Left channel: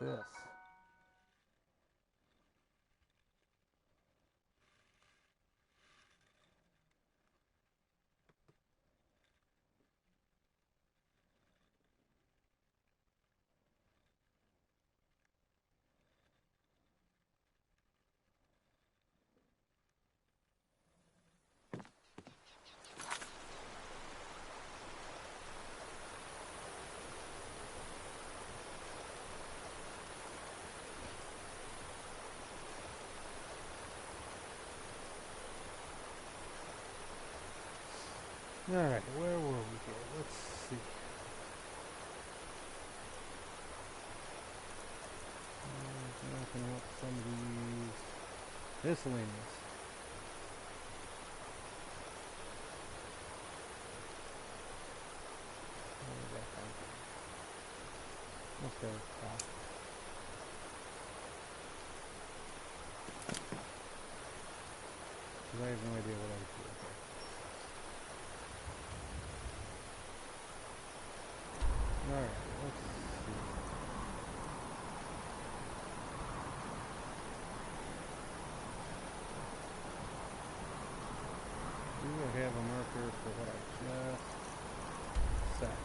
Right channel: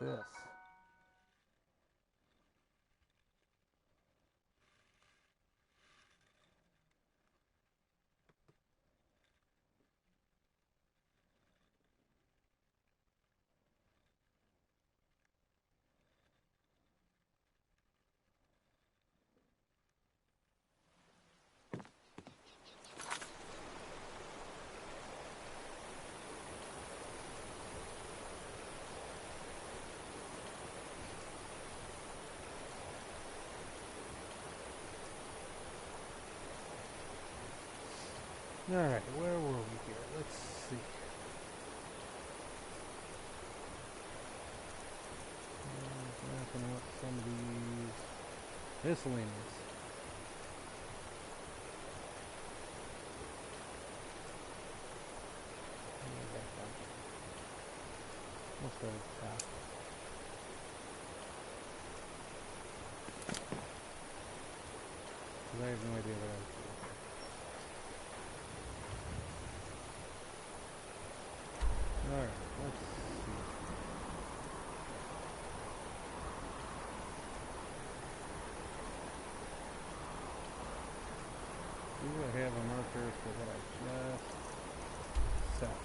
this? Alright, where were we here? Let's see. Mapping out some of these miscellaneous. Back down here. We'll start at the top. Because I have no idea what I do. Alright, let's see. Do I have a marker for what I just set?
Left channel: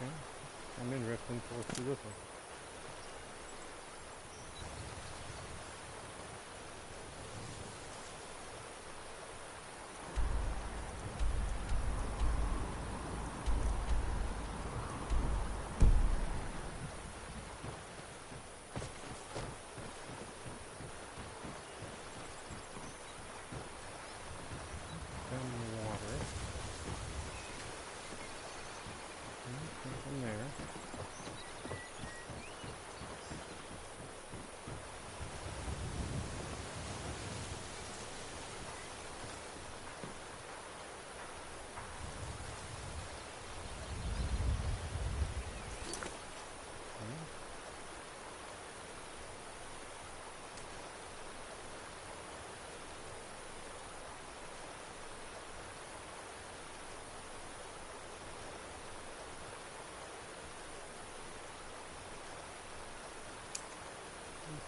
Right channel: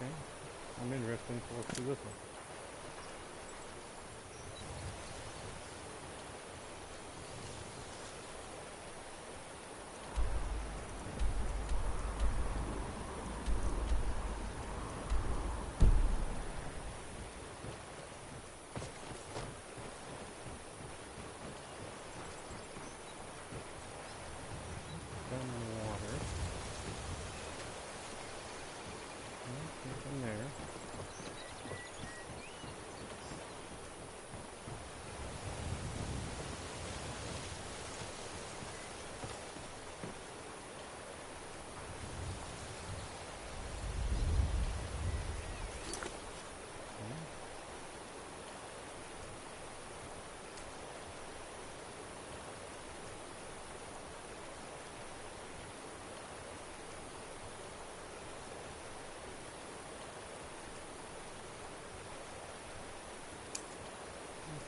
Okay, I'm interested, so let's do this one. Down in the water. Okay, from there.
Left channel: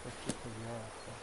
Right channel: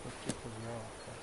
Let's get to the yarrow stuff.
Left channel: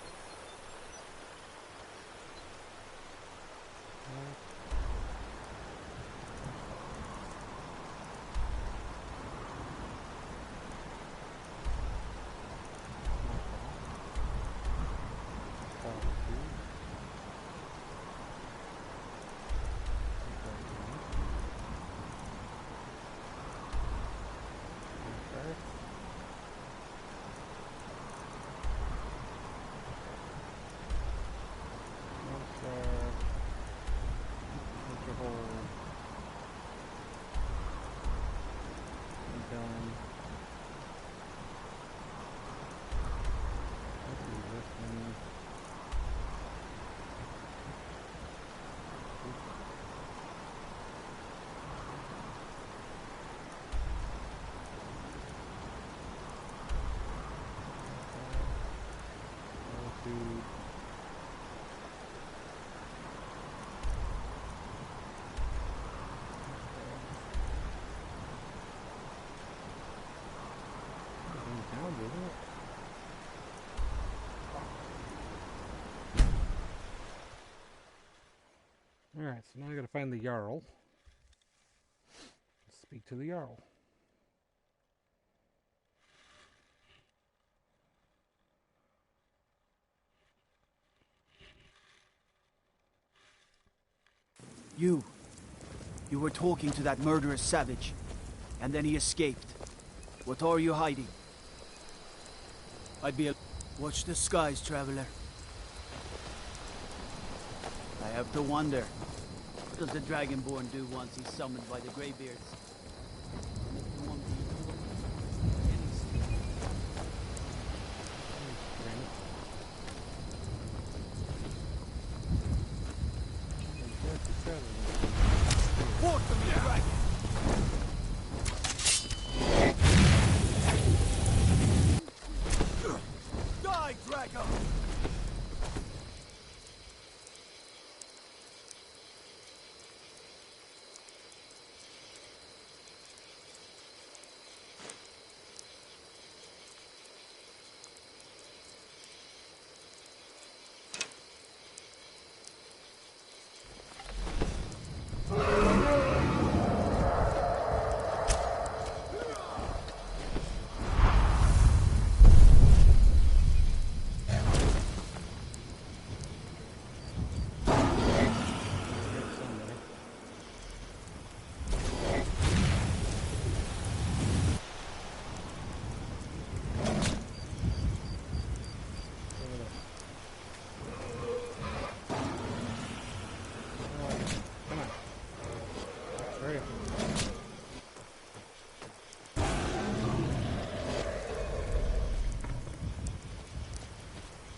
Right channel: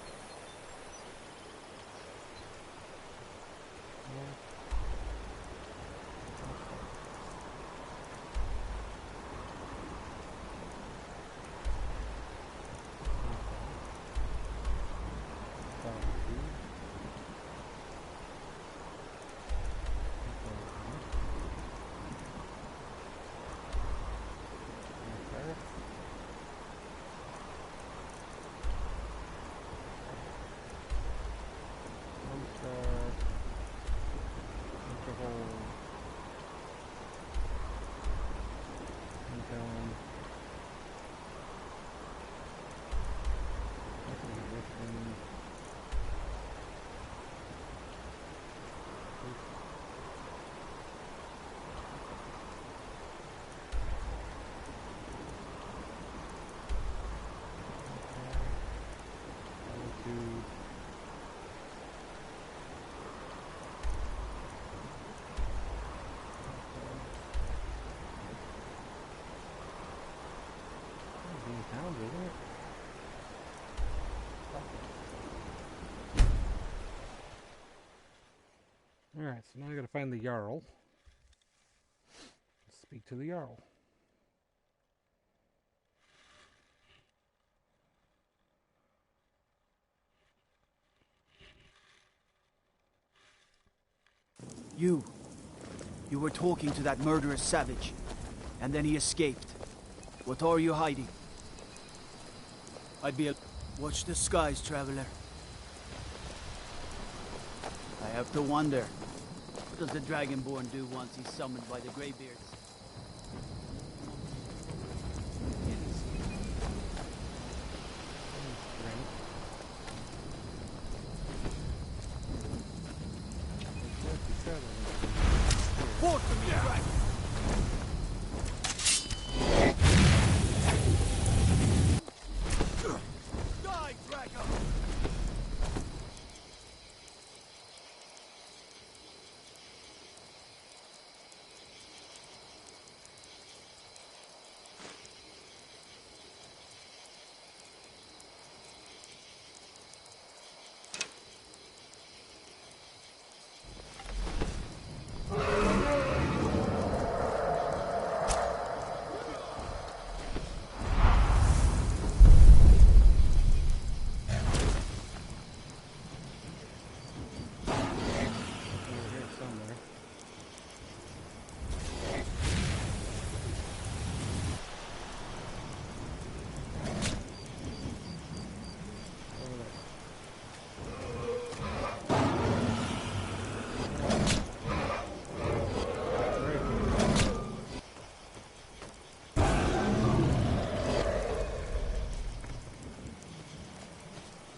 Isn't it? Alright, so now I gotta find the Jarl. Speak to the Jarl. You were talking to that murderous savage, and then he escaped. What are you hiding? I'd be a... Watch the skies, traveler. I have to wonder. What does the Dragonborn do once he's summoned by the Greybeards? Strength. Forth from me, dragon! Die, Draco!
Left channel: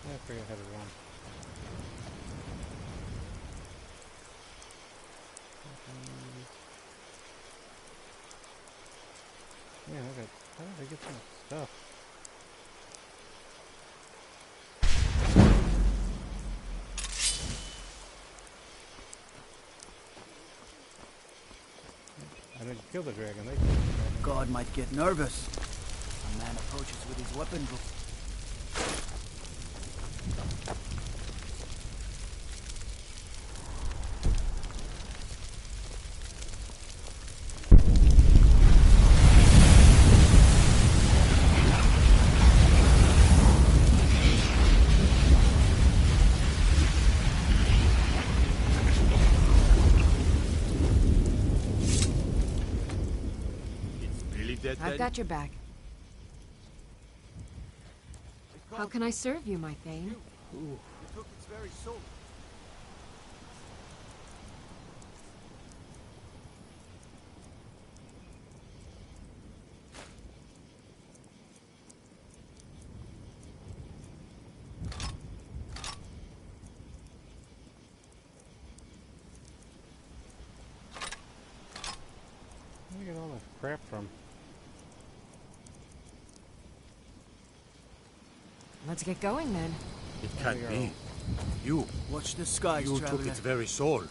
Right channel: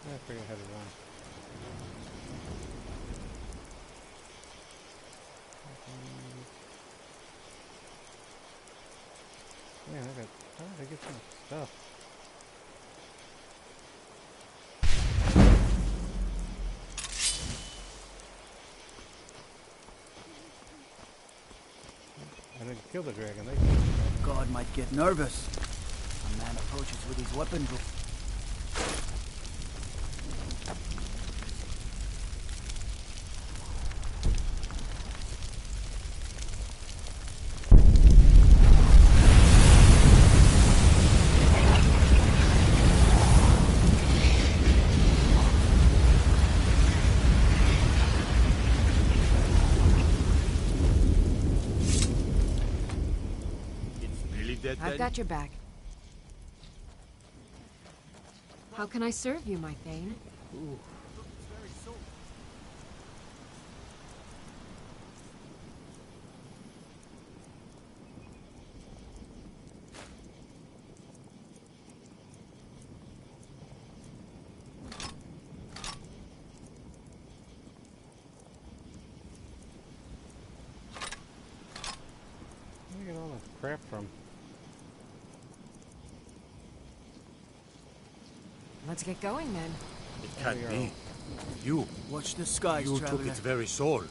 I forget how to run. Yeah, how did I get so much stuff? I didn't kill the dragon, they killed the dragon. God might get nervous. A man approaches with his weapon. I've got your back. How can I serve you, my Thane? Took its very soul. Where do you get all this crap from? Let's get going then. It can't be. You. Watch the skies, You traveler. took its very soul.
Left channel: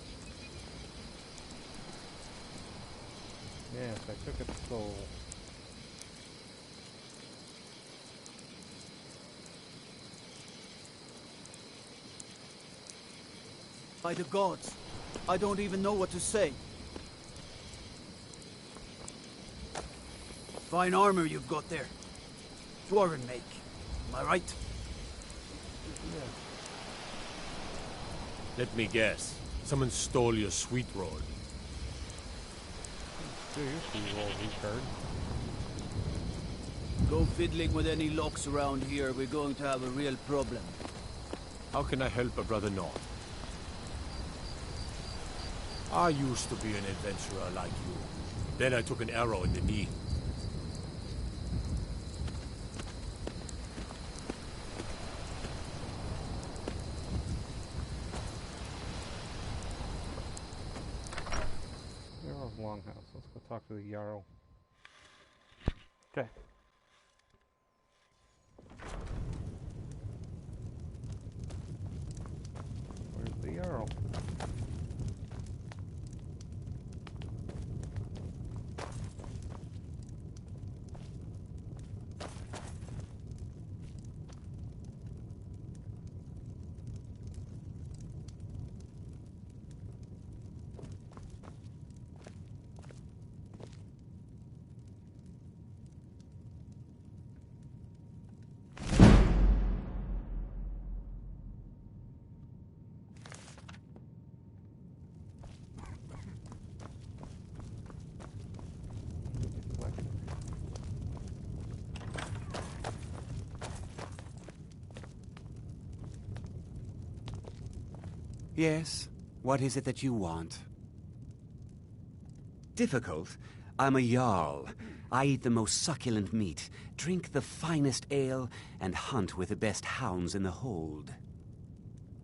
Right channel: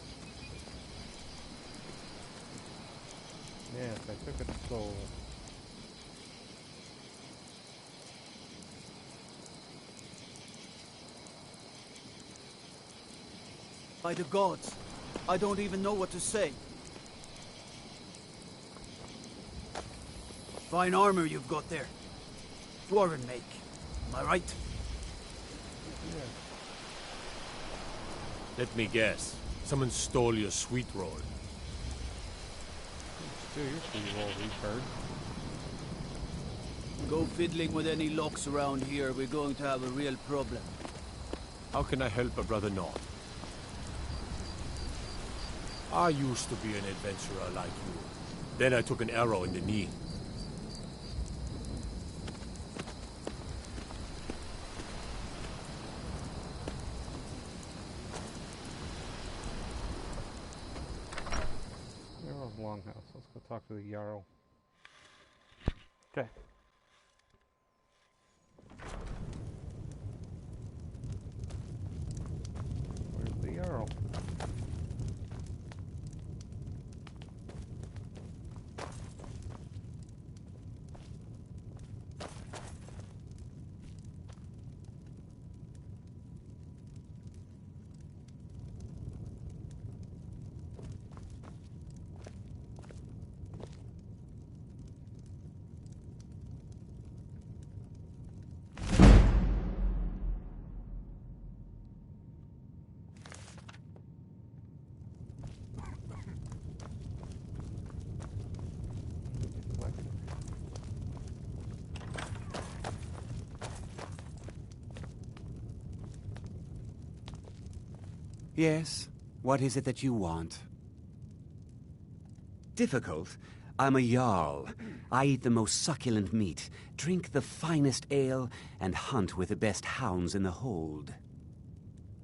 Yes, I took its soul. By the gods, I don't even know what to say. Fine armor you've got there. Dwarven make. Am I right? Yeah. Let me guess. Someone stole your sweet roll. Do your sweet roll, retard. Go fiddling with any locks around here, we're going to have a real problem. How can I help a brother not? I used to be an adventurer like you. Then I took an arrow in the knee. Jarl's Longhouse. Let's go talk to the Jarl. Okay. Where's the Jarl? Yes, What is it that you want? Difficult? I'm a Jarl. I eat the most succulent meat, drink the finest ale, and hunt with the best hounds in the hold.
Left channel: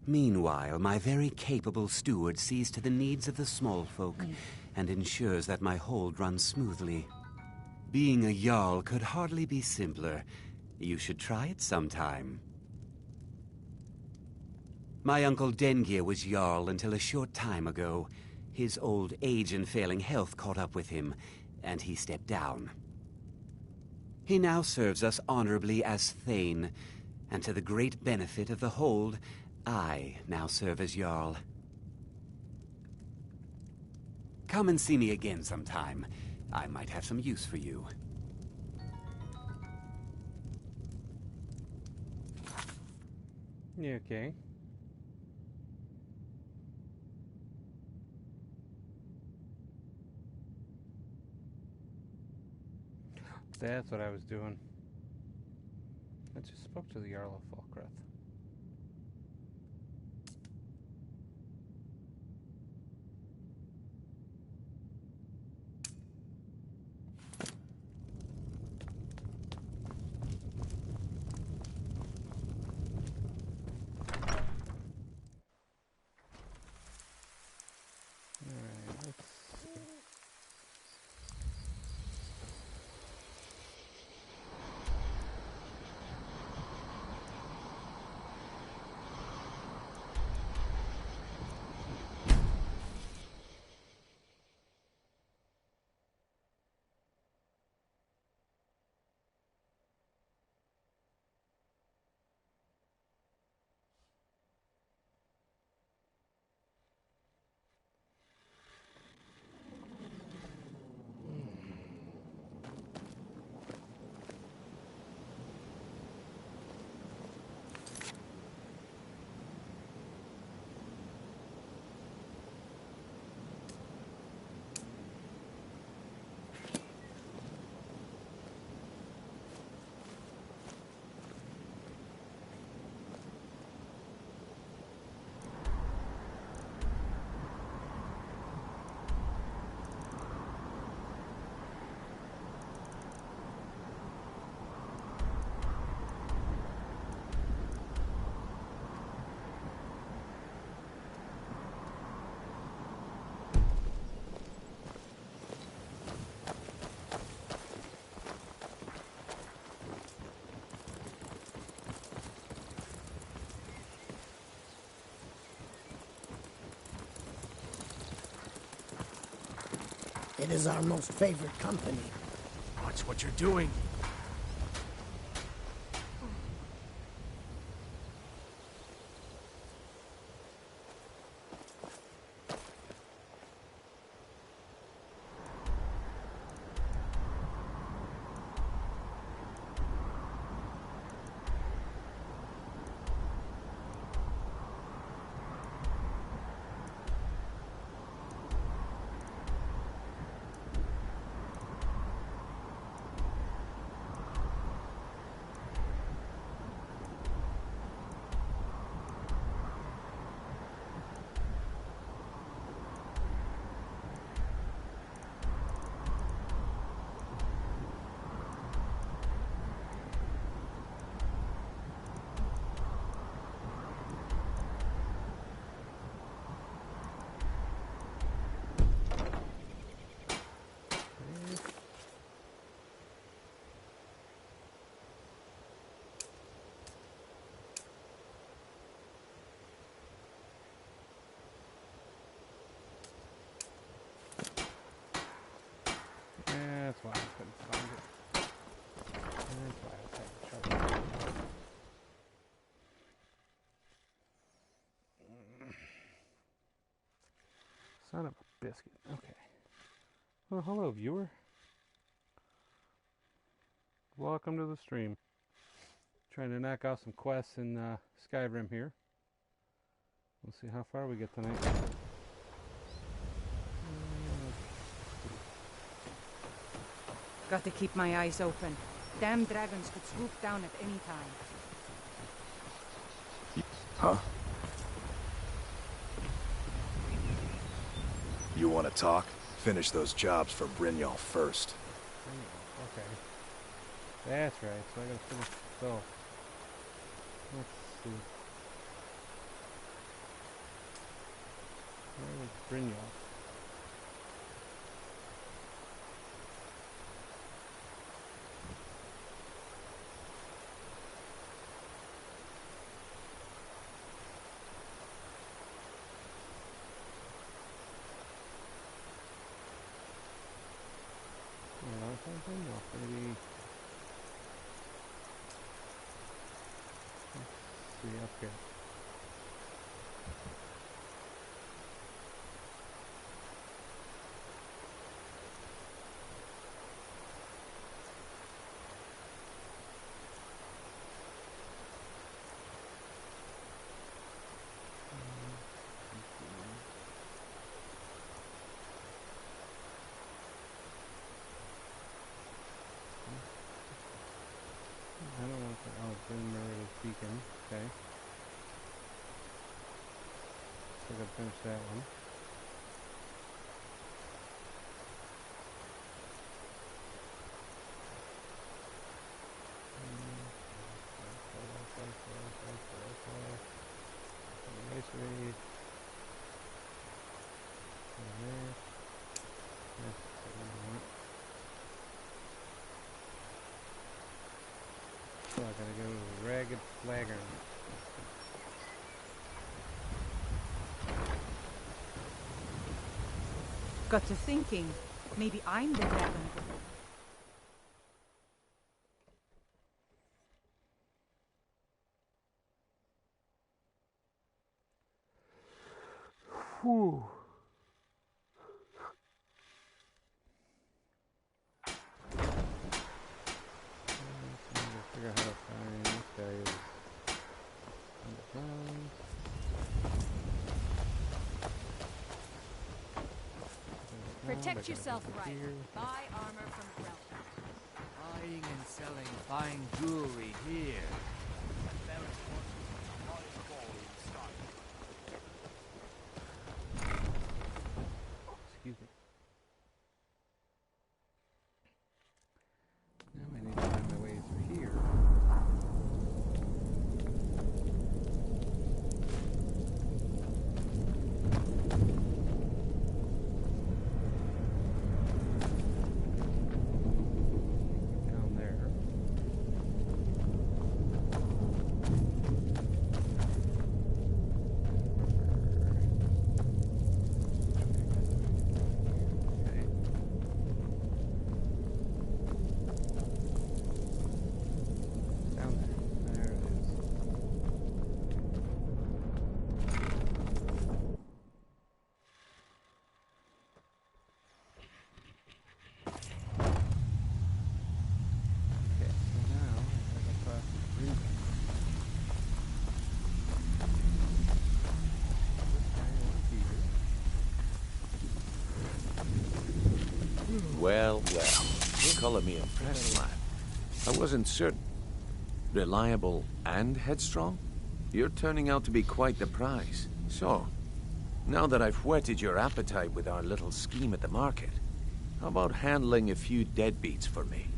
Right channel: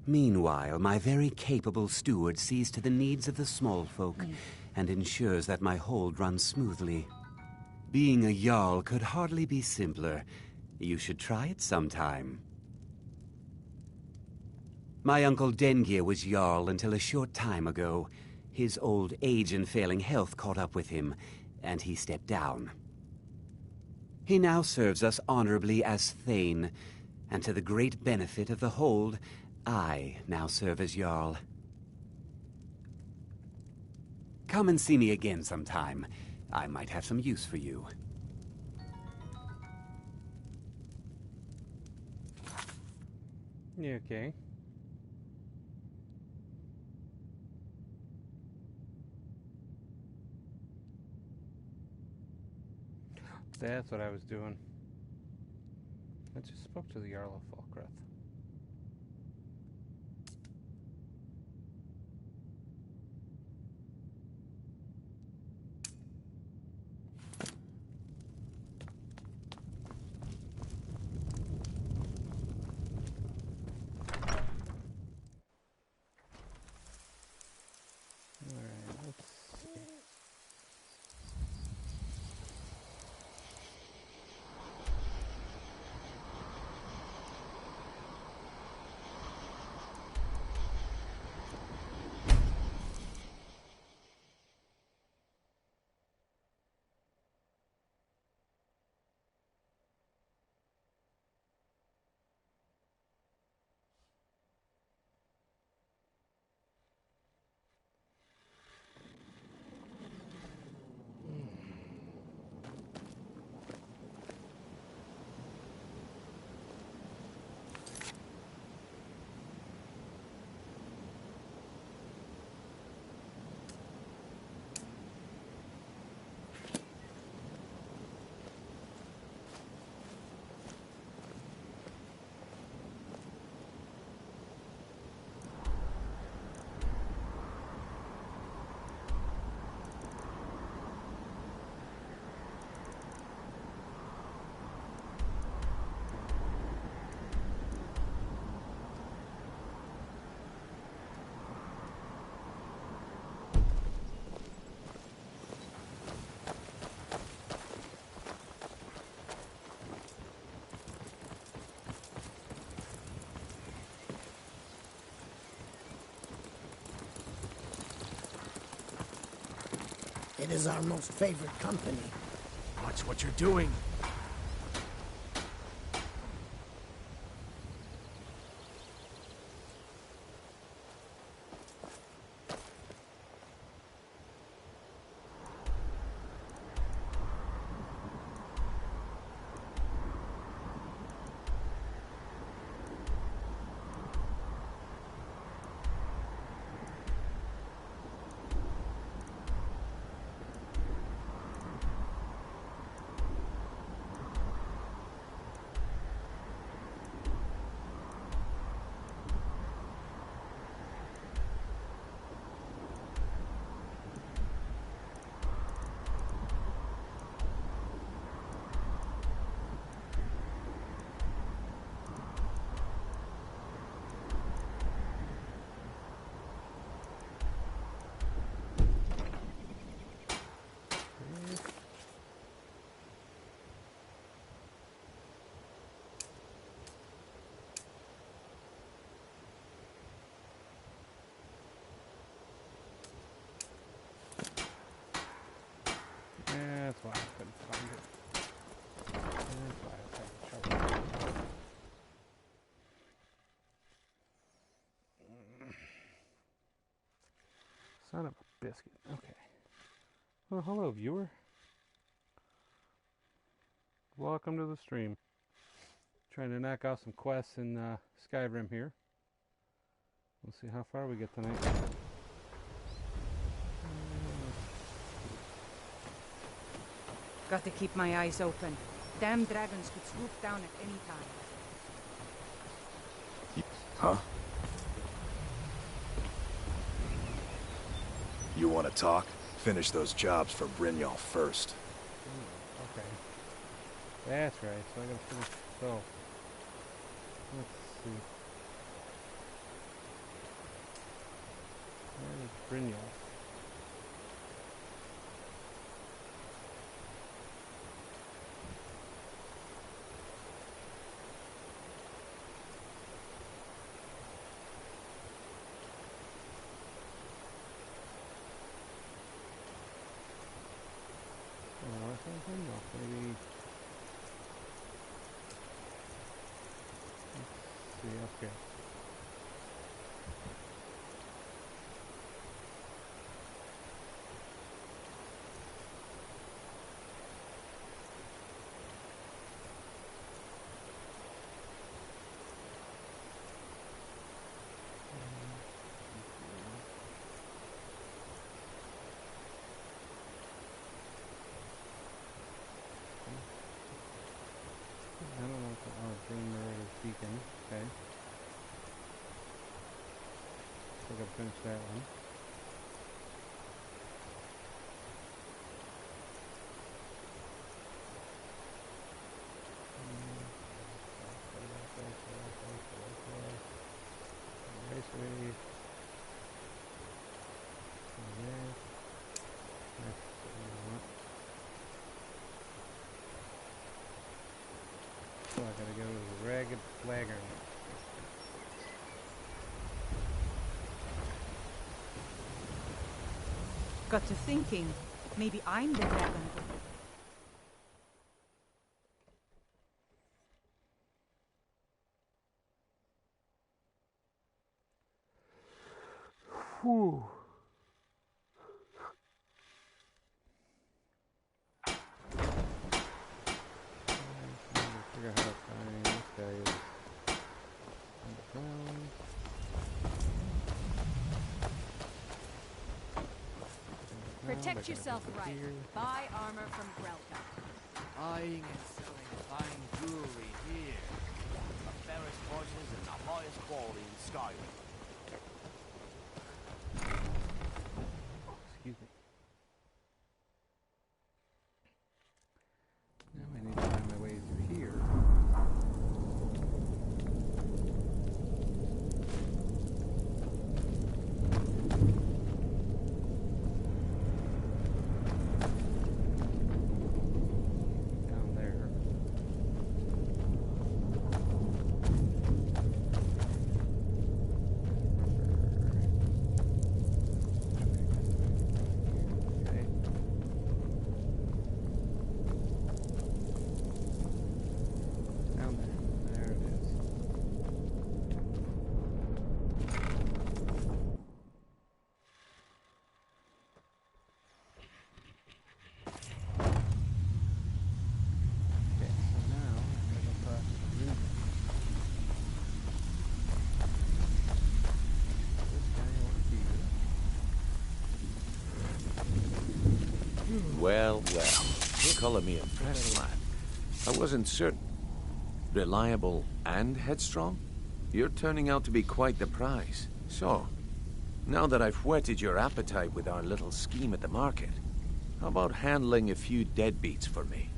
Meanwhile, my very capable steward sees to the needs of the small folk and ensures that my hold runs smoothly. Being a Jarl could hardly be simpler. You should try it sometime. My uncle Dengir was Jarl until a short time ago. His old age and failing health caught up with him, and he stepped down. He now serves us honorably as Thane, and to the great benefit of the hold, I now serve as Jarl. Come and see me again sometime. I might have some use for you. Yeah, okay. That's what I was doing. I just spoke to the Jarl of Falkreath. Alright, let's see. It is our most favorite company. Watch what you're doing. That's why I couldn't find it. That's why I was having trouble. Son of a biscuit. Okay. Well, hello, viewer. Welcome to the stream. Trying to knock out some quests in Skyrim here. We'll see how far we get tonight. Got to keep my eyes open. Damn dragons could swoop down at any time. Huh? You want to talk? Finish those jobs for Brynjolf first. Okay. That's right, so I gotta finish. So, let's see. Where is Brynjolf? Oh, where's that Brynjolf? Maybe. Let's see up here. I don't know if Bryn Meredith Beacon. Okay. Still gotta finish that one. Raceway. There. That's what we want. So I gotta go to the Ragged Flagon. Got to thinking, maybe I'm the dragon. Whew. Figure out how to find this guy is underground. Protect yourself right. Buy armor from Grelka. Buying and selling fine jewelry here. The fairest horses and the highest quality in style. Excuse me. Now I need to find my way through here. Down there. Okay. Down there. There it is. Okay, so now I gotta go past the Brynjolf. This guy over here. Well, color me impressed, lad. I wasn't certain. Reliable and headstrong? You're turning out to be quite the prize. So, now that I've whetted your appetite with our little scheme at the market, how about handling a few deadbeats for me?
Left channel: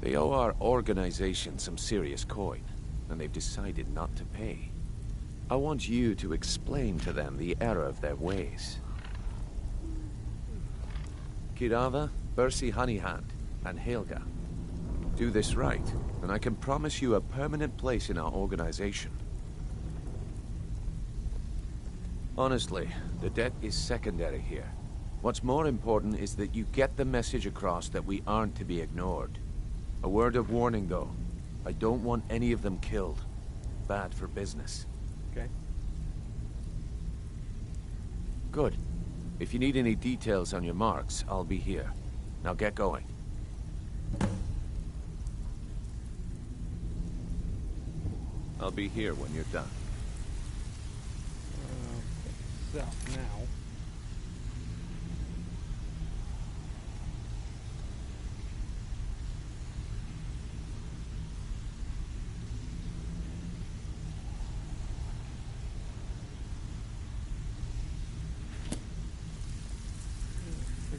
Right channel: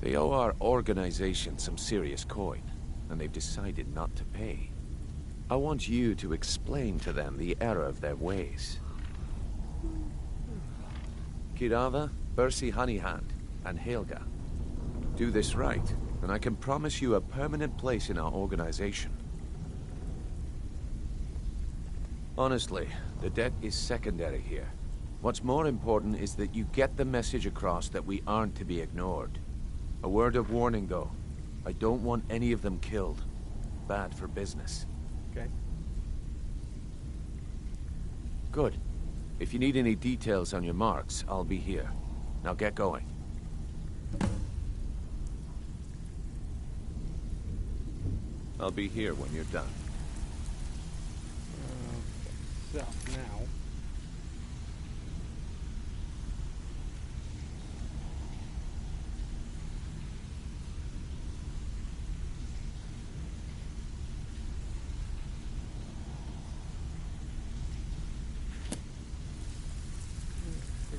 They owe our organization some serious coin, and they've decided not to pay. I want you to explain to them the error of their ways. Kirava, Bersi Honeyhand, and Helga. Do this right, and I can promise you a permanent place in our organization. Honestly, the debt is secondary here. What's more important is that you get the message across that we aren't to be ignored. A word of warning, though. I don't want any of them killed. Bad for business. Okay. Good. If you need any details on your marks, I'll be here. Now get going. I'll be here when you're done. Okay, so now...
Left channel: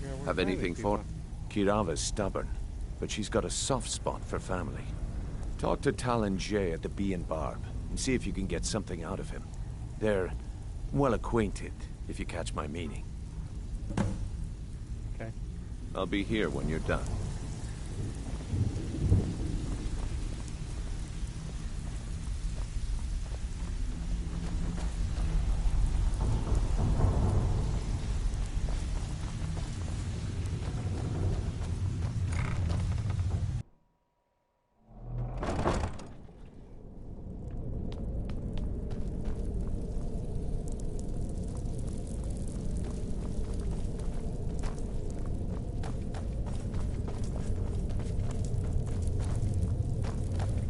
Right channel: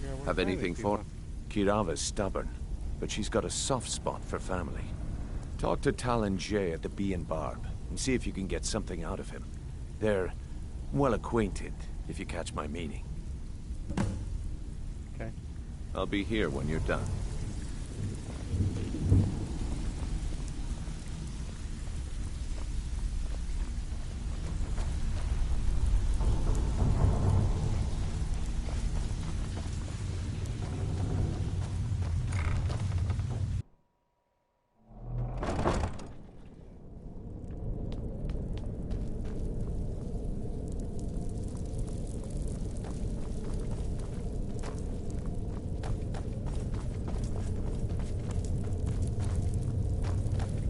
figure out where Have to find anything these for... people. Kirava's stubborn, but she's got a soft spot for family. Talk to Talon Jay at the Bee and Barb, and see if you can get something out of him. They're well acquainted, if you catch my meaning. Okay. I'll be here when you're done.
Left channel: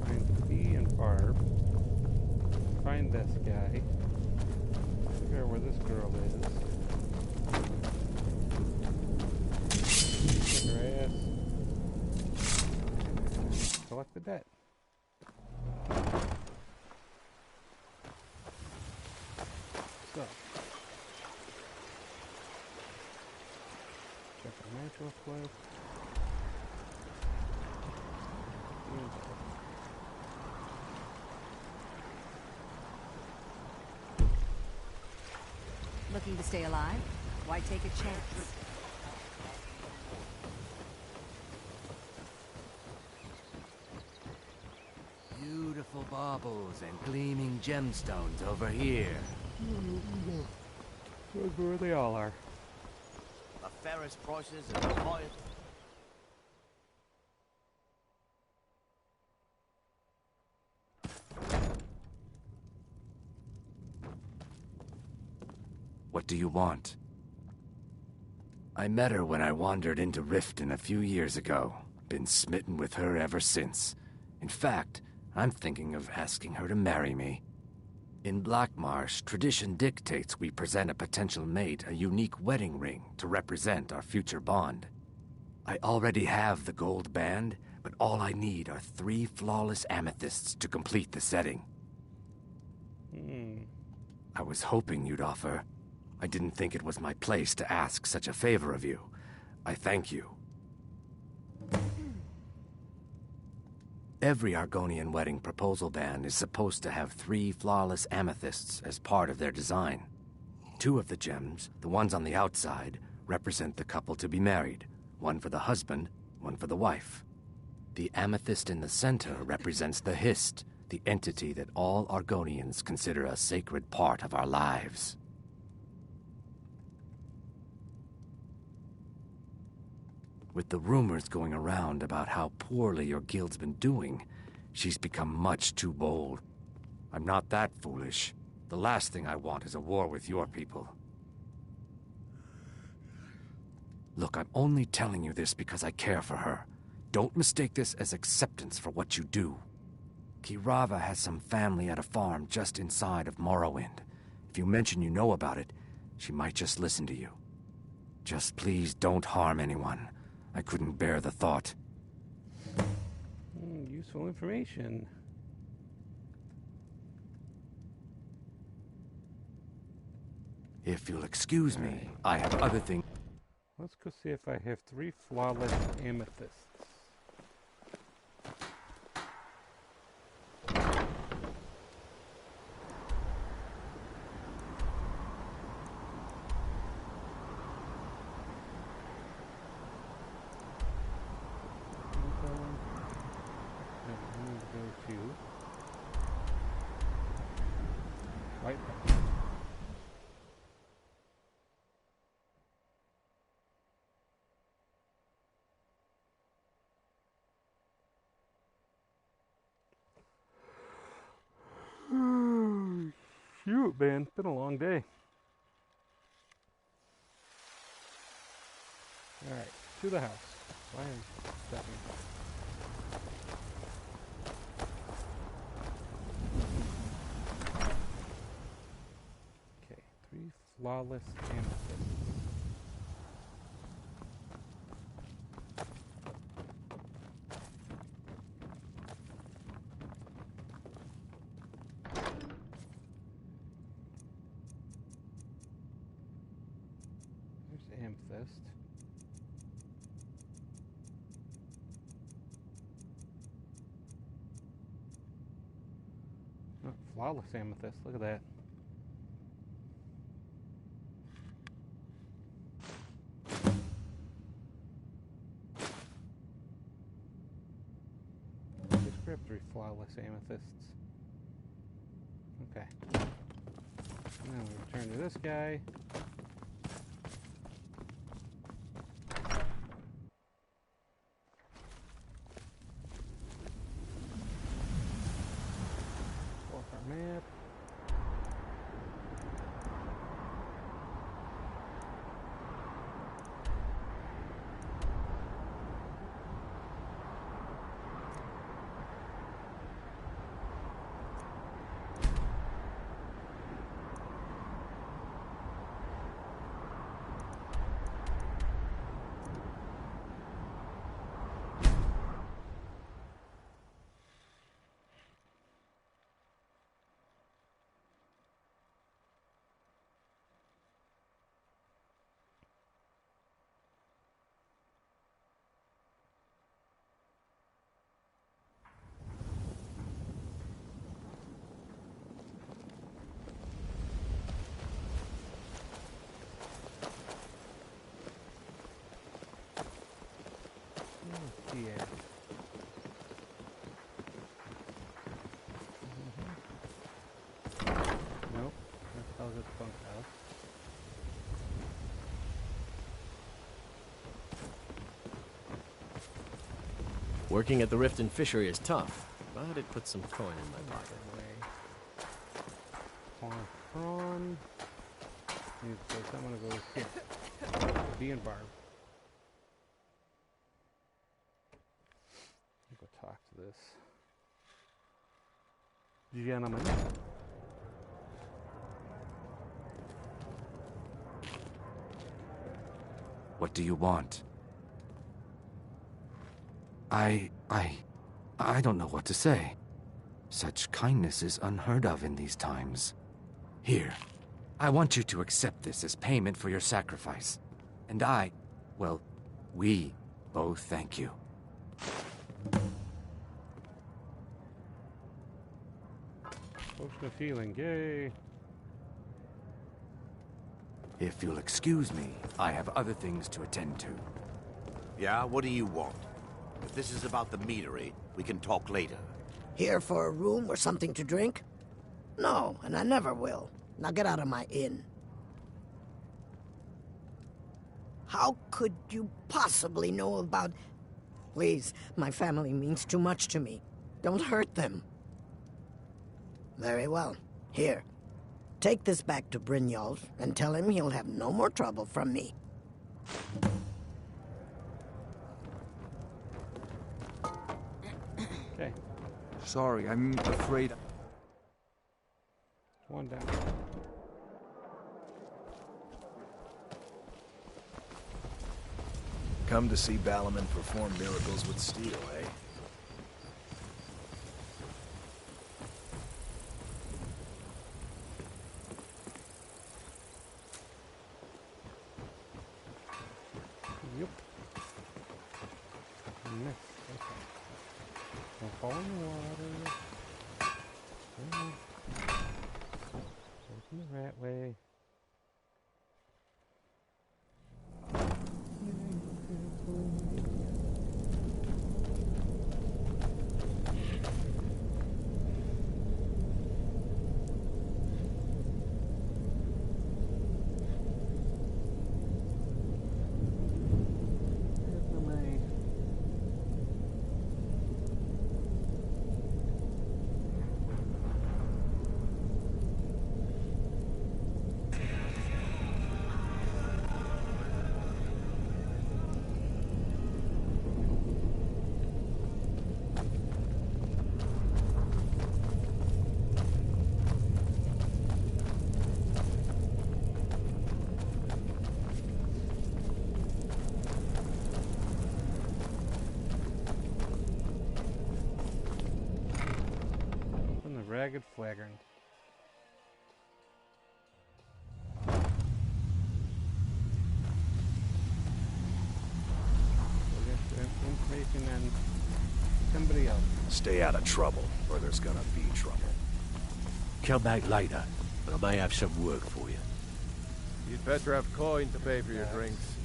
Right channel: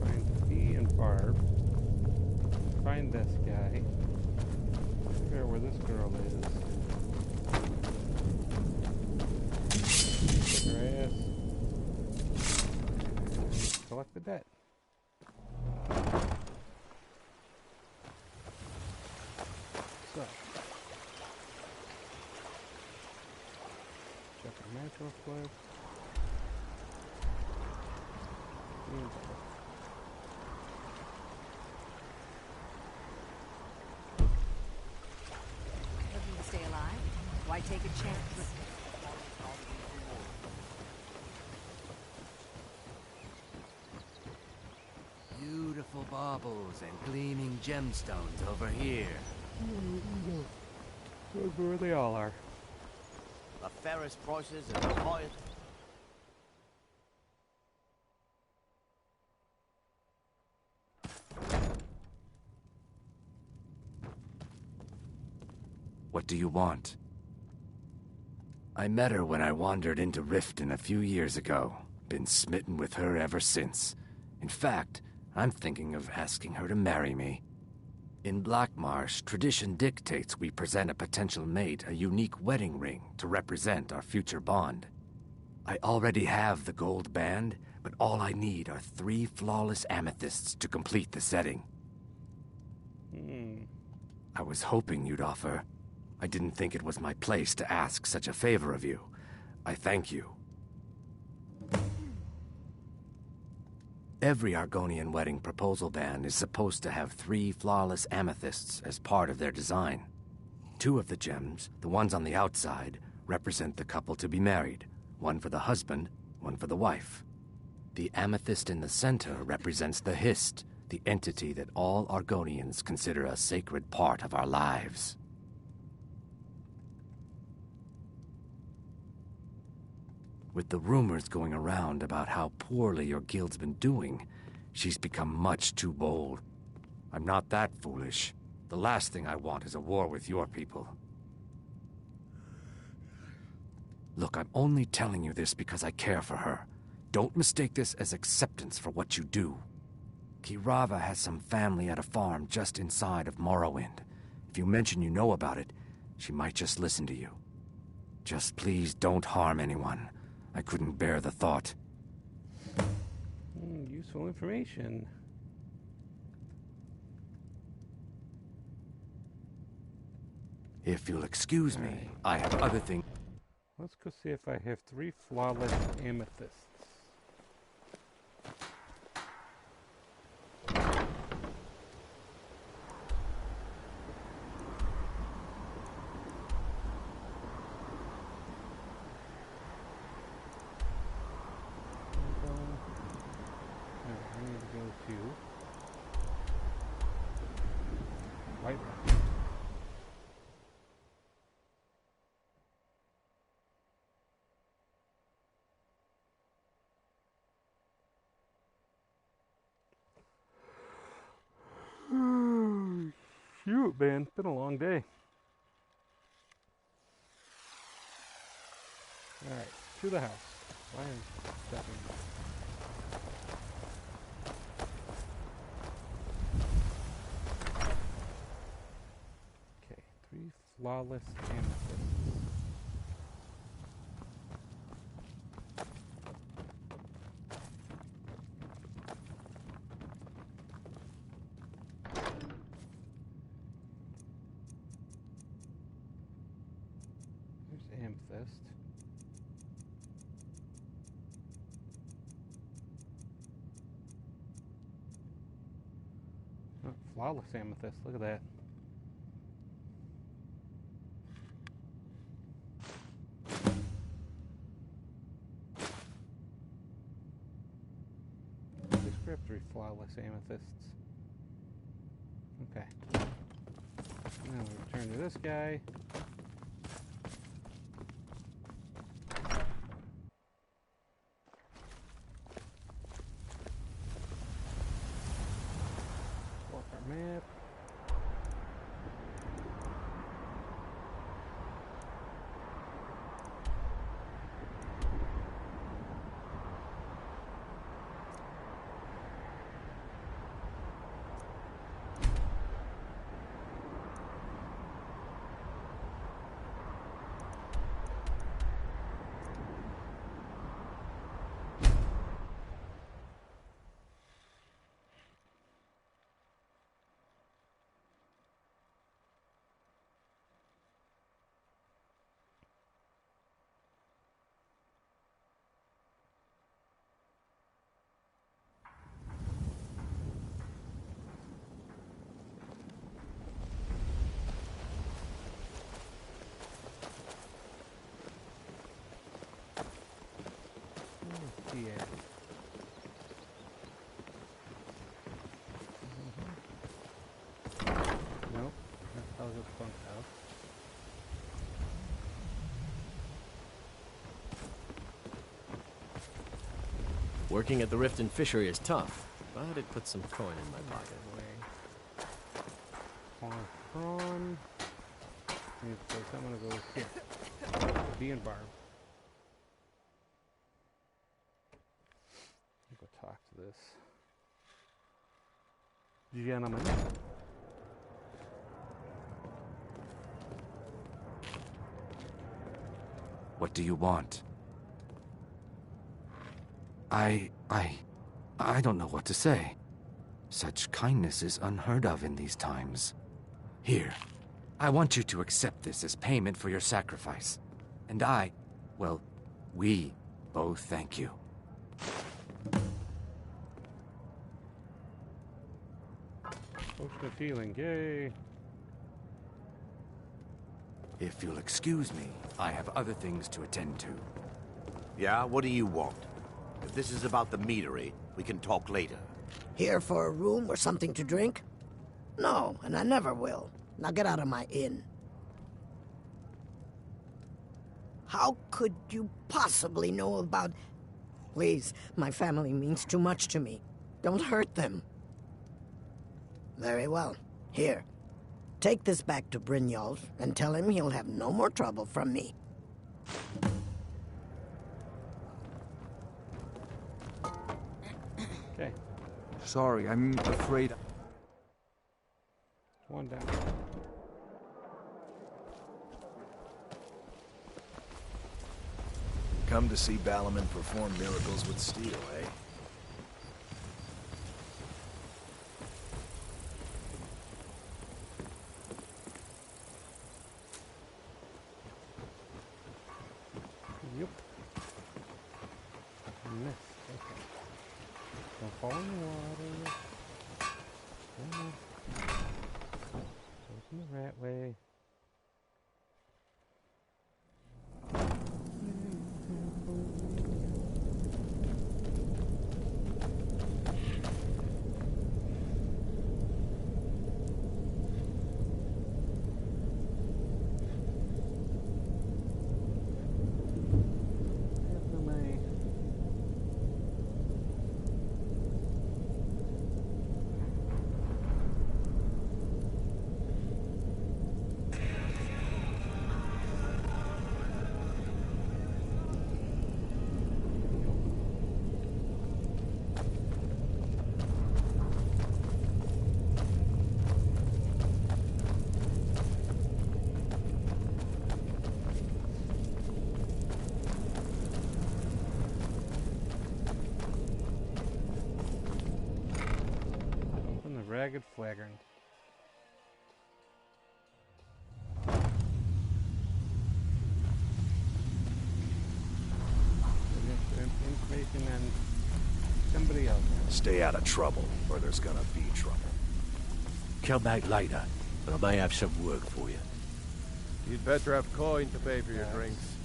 Find Bee and Barb. Find this guy. Figure out where this girl is. Kick her ass. And collect the debt. So. Check our match real quick. Bee and Barb. Looking to stay alive? Why take a chance? Beautiful baubles and gleaming gemstones over here. Those are where they all are. The fairest prices and the highest... What do you want? I met her when I wandered into Riften a few years ago. Been smitten with her ever since. In fact, I'm thinking of asking her to marry me. In Blackmarsh, tradition dictates we present a potential mate a unique wedding ring to represent our future bond. I already have the gold band, but all I need are 3 flawless amethysts to complete the setting. I was hoping you'd offer. I didn't think it was my place to ask such a favor of you. I thank you. Every Argonian wedding proposal band is supposed to have 3 flawless amethysts as part of their design. 2 of the gems, the ones on the outside, represent the couple to be married. One for the husband, one for the wife. The amethyst in the center represents the Hist, the entity that all Argonians consider a sacred part of our lives. With the rumors going around about how poorly your guild's been doing, she's become much too bold. I'm not that foolish. The last thing I want is a war with your people. Look, I'm only telling you this because I care for her. Don't mistake this as acceptance for what you do. Kirava has some family at a farm just inside of Morrowind. If you mention you know about it, she might just listen to you. Just please don't harm anyone. I couldn't bear the thought. Useful information. If you'll excuse me, I have other things. Let's go see if I have 3 flawless amethysts. No, I need to go to Whitepath. Shoot, man, it's been a long day. Alright, to the house. Why am I stepping? Okay, 3 flawless amethysts. There's amethyst. Oh, flawless amethyst. Look at that. Descriptory flawless amethysts. Okay. Now we return to this guy. Pull up our map. Yeah. Nope, that's Helga's bunkhouse. Working at the Riften Fishery is tough, but it puts some coin in my pocket. Prawn. So I'm gonna go here. Bee and Barb. Go talk to this gentleman. What do you want? I don't know what to say. Such kindness is unheard of in these times. Here, I want you to accept this as payment for your sacrifice. And well, we both thank you. Potion of healing, yay! If you'll excuse me, I have other things to attend to. Yeah, what do you want? If this is about the meadery, we can talk later. Here for a room or something to drink? No, and I never will. Now get out of my inn. How could you possibly know about... Please, my family means too much to me. Don't hurt them. Very well. Here. Take this back to Brynjolf and tell him he'll have no more trouble from me. Okay. Sorry, I'm afraid... One down. Come to see Balaman perform miracles with steel, eh? Yep. Missed. Okay. Don't fall in the water. Open the rat way. Ragged Flagon. Information on somebody else. Stay out of trouble, or there's gonna be trouble. Come back later, but I may have some work for you. You'd better have coin to pay for your drinks.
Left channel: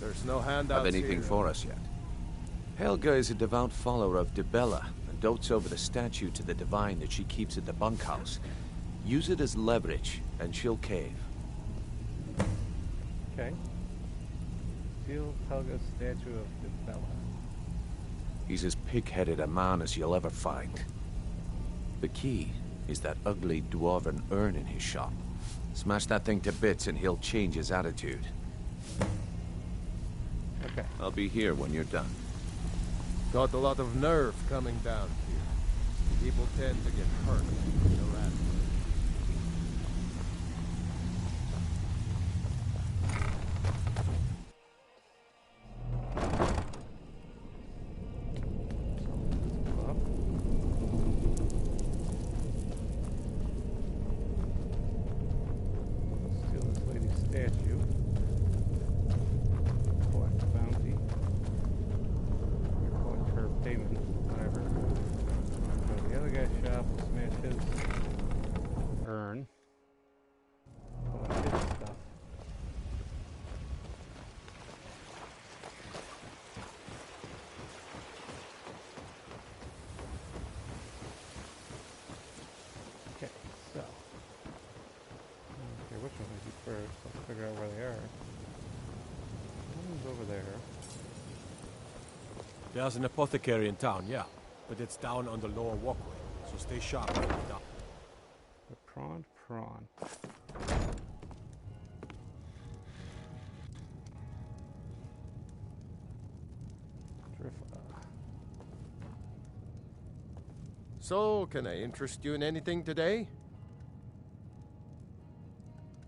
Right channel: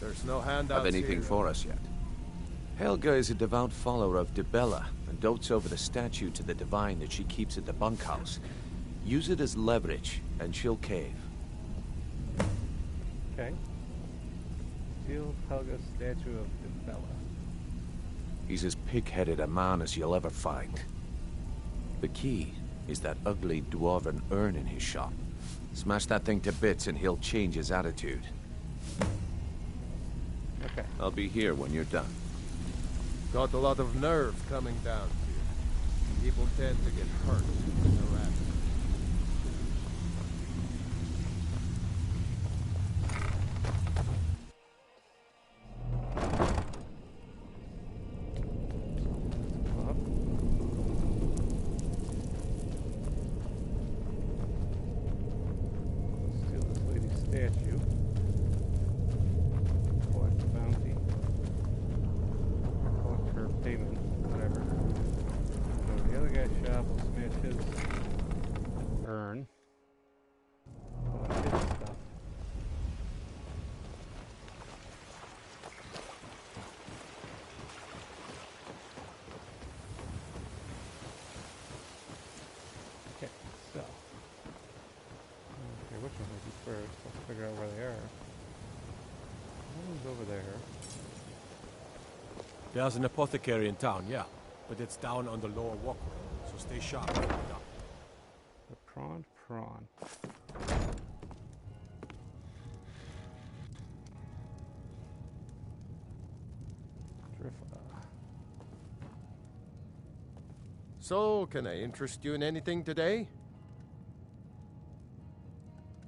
There's no handouts Have anything here. for us yet? Helga is a devout follower of Dibella and dotes over the statue to the divine that she keeps at the bunkhouse. Use it as leverage, and she'll cave. Okay. Steal Helga's statue of Dibella. He's as pig-headed a man as you'll ever find. The key is that ugly dwarven urn in his shop. Smash that thing to bits and he'll change his attitude. Okay. I'll be here when you're done. Got a lot of nerve coming down here. People tend to get hurt in the rat. Up. Let's steal this lady's statue. Collect the bounty. Collect her payment, whatever. We'll go to the other guy's shop, we'll smash his urn. Collect his stuff. Okay, so. Okay, which one I do first? Let's figure out where they are. One's over there. There's an apothecary in town, yeah. But it's down on the lower walkway, so stay sharp. The prawn. So, can I interest you in anything today?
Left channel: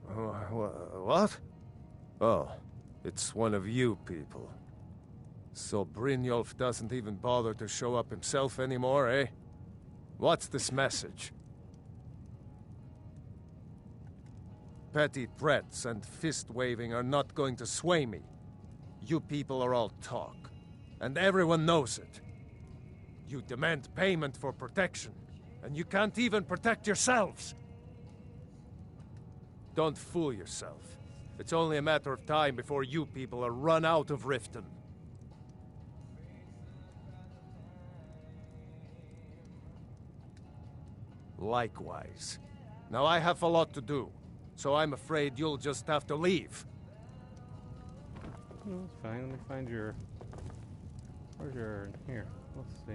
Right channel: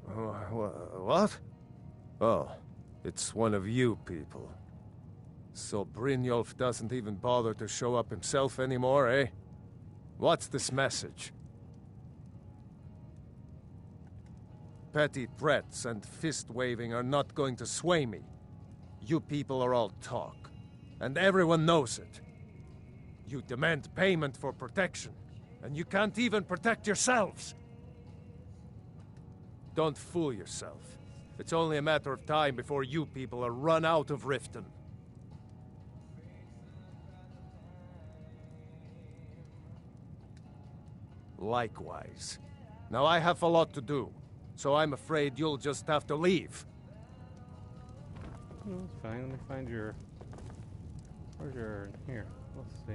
What? Oh, it's one of you people. So Brynjolf doesn't even bother to show up himself anymore, eh? What's this message? Petty threats and fist-waving are not going to sway me. You people are all talk, and everyone knows it. You demand payment for protection, and you can't even protect yourselves. Don't fool yourself. It's only a matter of time before you people are run out of Riften. Likewise. Now I have a lot to do, so I'm afraid you'll just have to leave. No, it's fine. Let me find your... Where's your urn? Here. Let's see.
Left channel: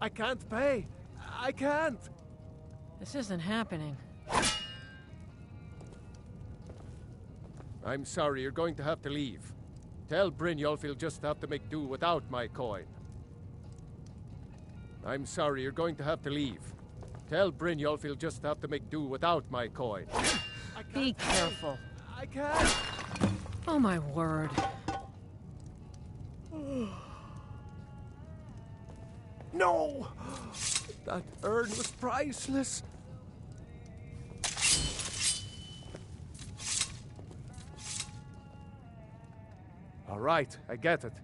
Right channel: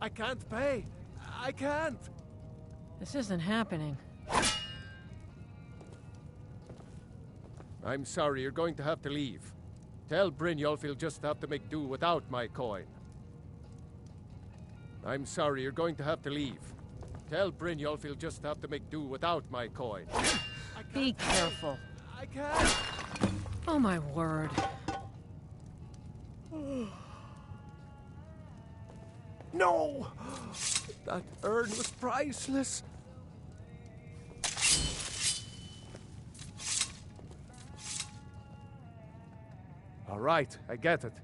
I can't pay. I can't. This isn't happening. I'm sorry, you're going to have to leave. Tell Brynjolf he'll just have to make do without my coin. I'm sorry, you're going to have to leave. Tell Brynjolf he'll just have to make do without my coin. Be careful. I can't. Oh my word. No! That urn was priceless. All right, I get it.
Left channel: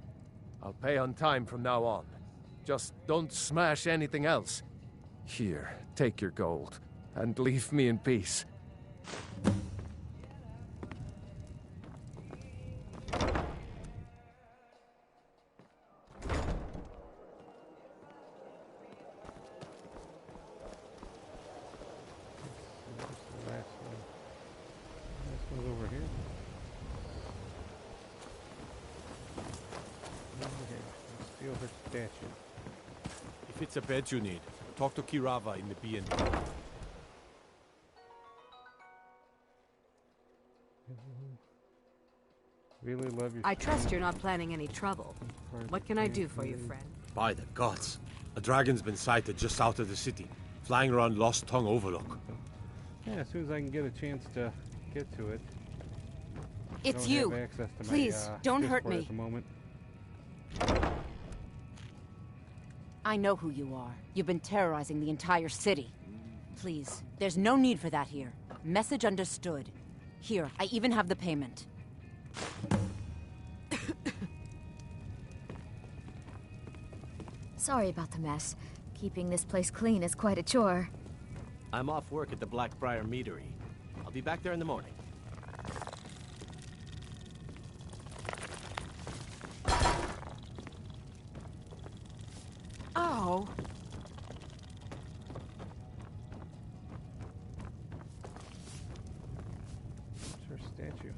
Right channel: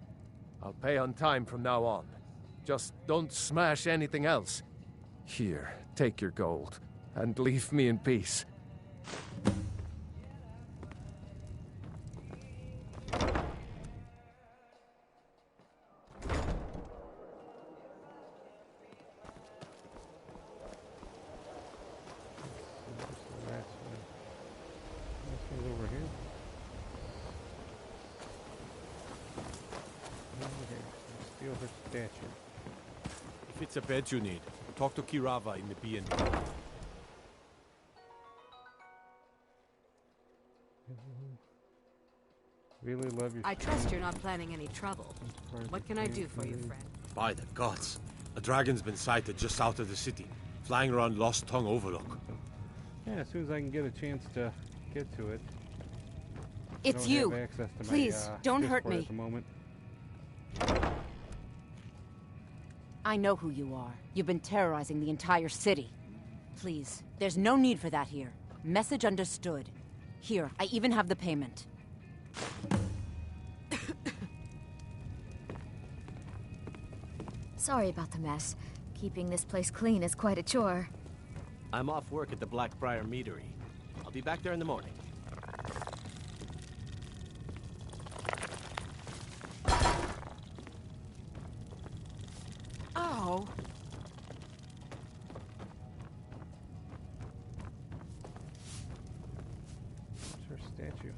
I'll pay on time from now on. Just don't smash anything else. Here, take your gold, and leave me in peace. Over here. Steal her statue. If it's a bed you need, talk to Kirava in the B&B. Really love your... I trust you're not planning any trouble. What can I do for you, friend? By the gods, a dragon's been sighted just out of the city, flying around Lost Tongue Overlook. Yeah, as soon as I can get a chance to get to it. It's you. Please, don't hurt me. At the moment. I know who you are. You've been terrorizing the entire city. Please, there's no need for that here. Message understood. Here, I even have the payment. Sorry about the mess. Keeping this place clean is quite a chore. I'm off work at the Blackbriar Meadery. I'll be back there in the morning. Oh. It's her statue.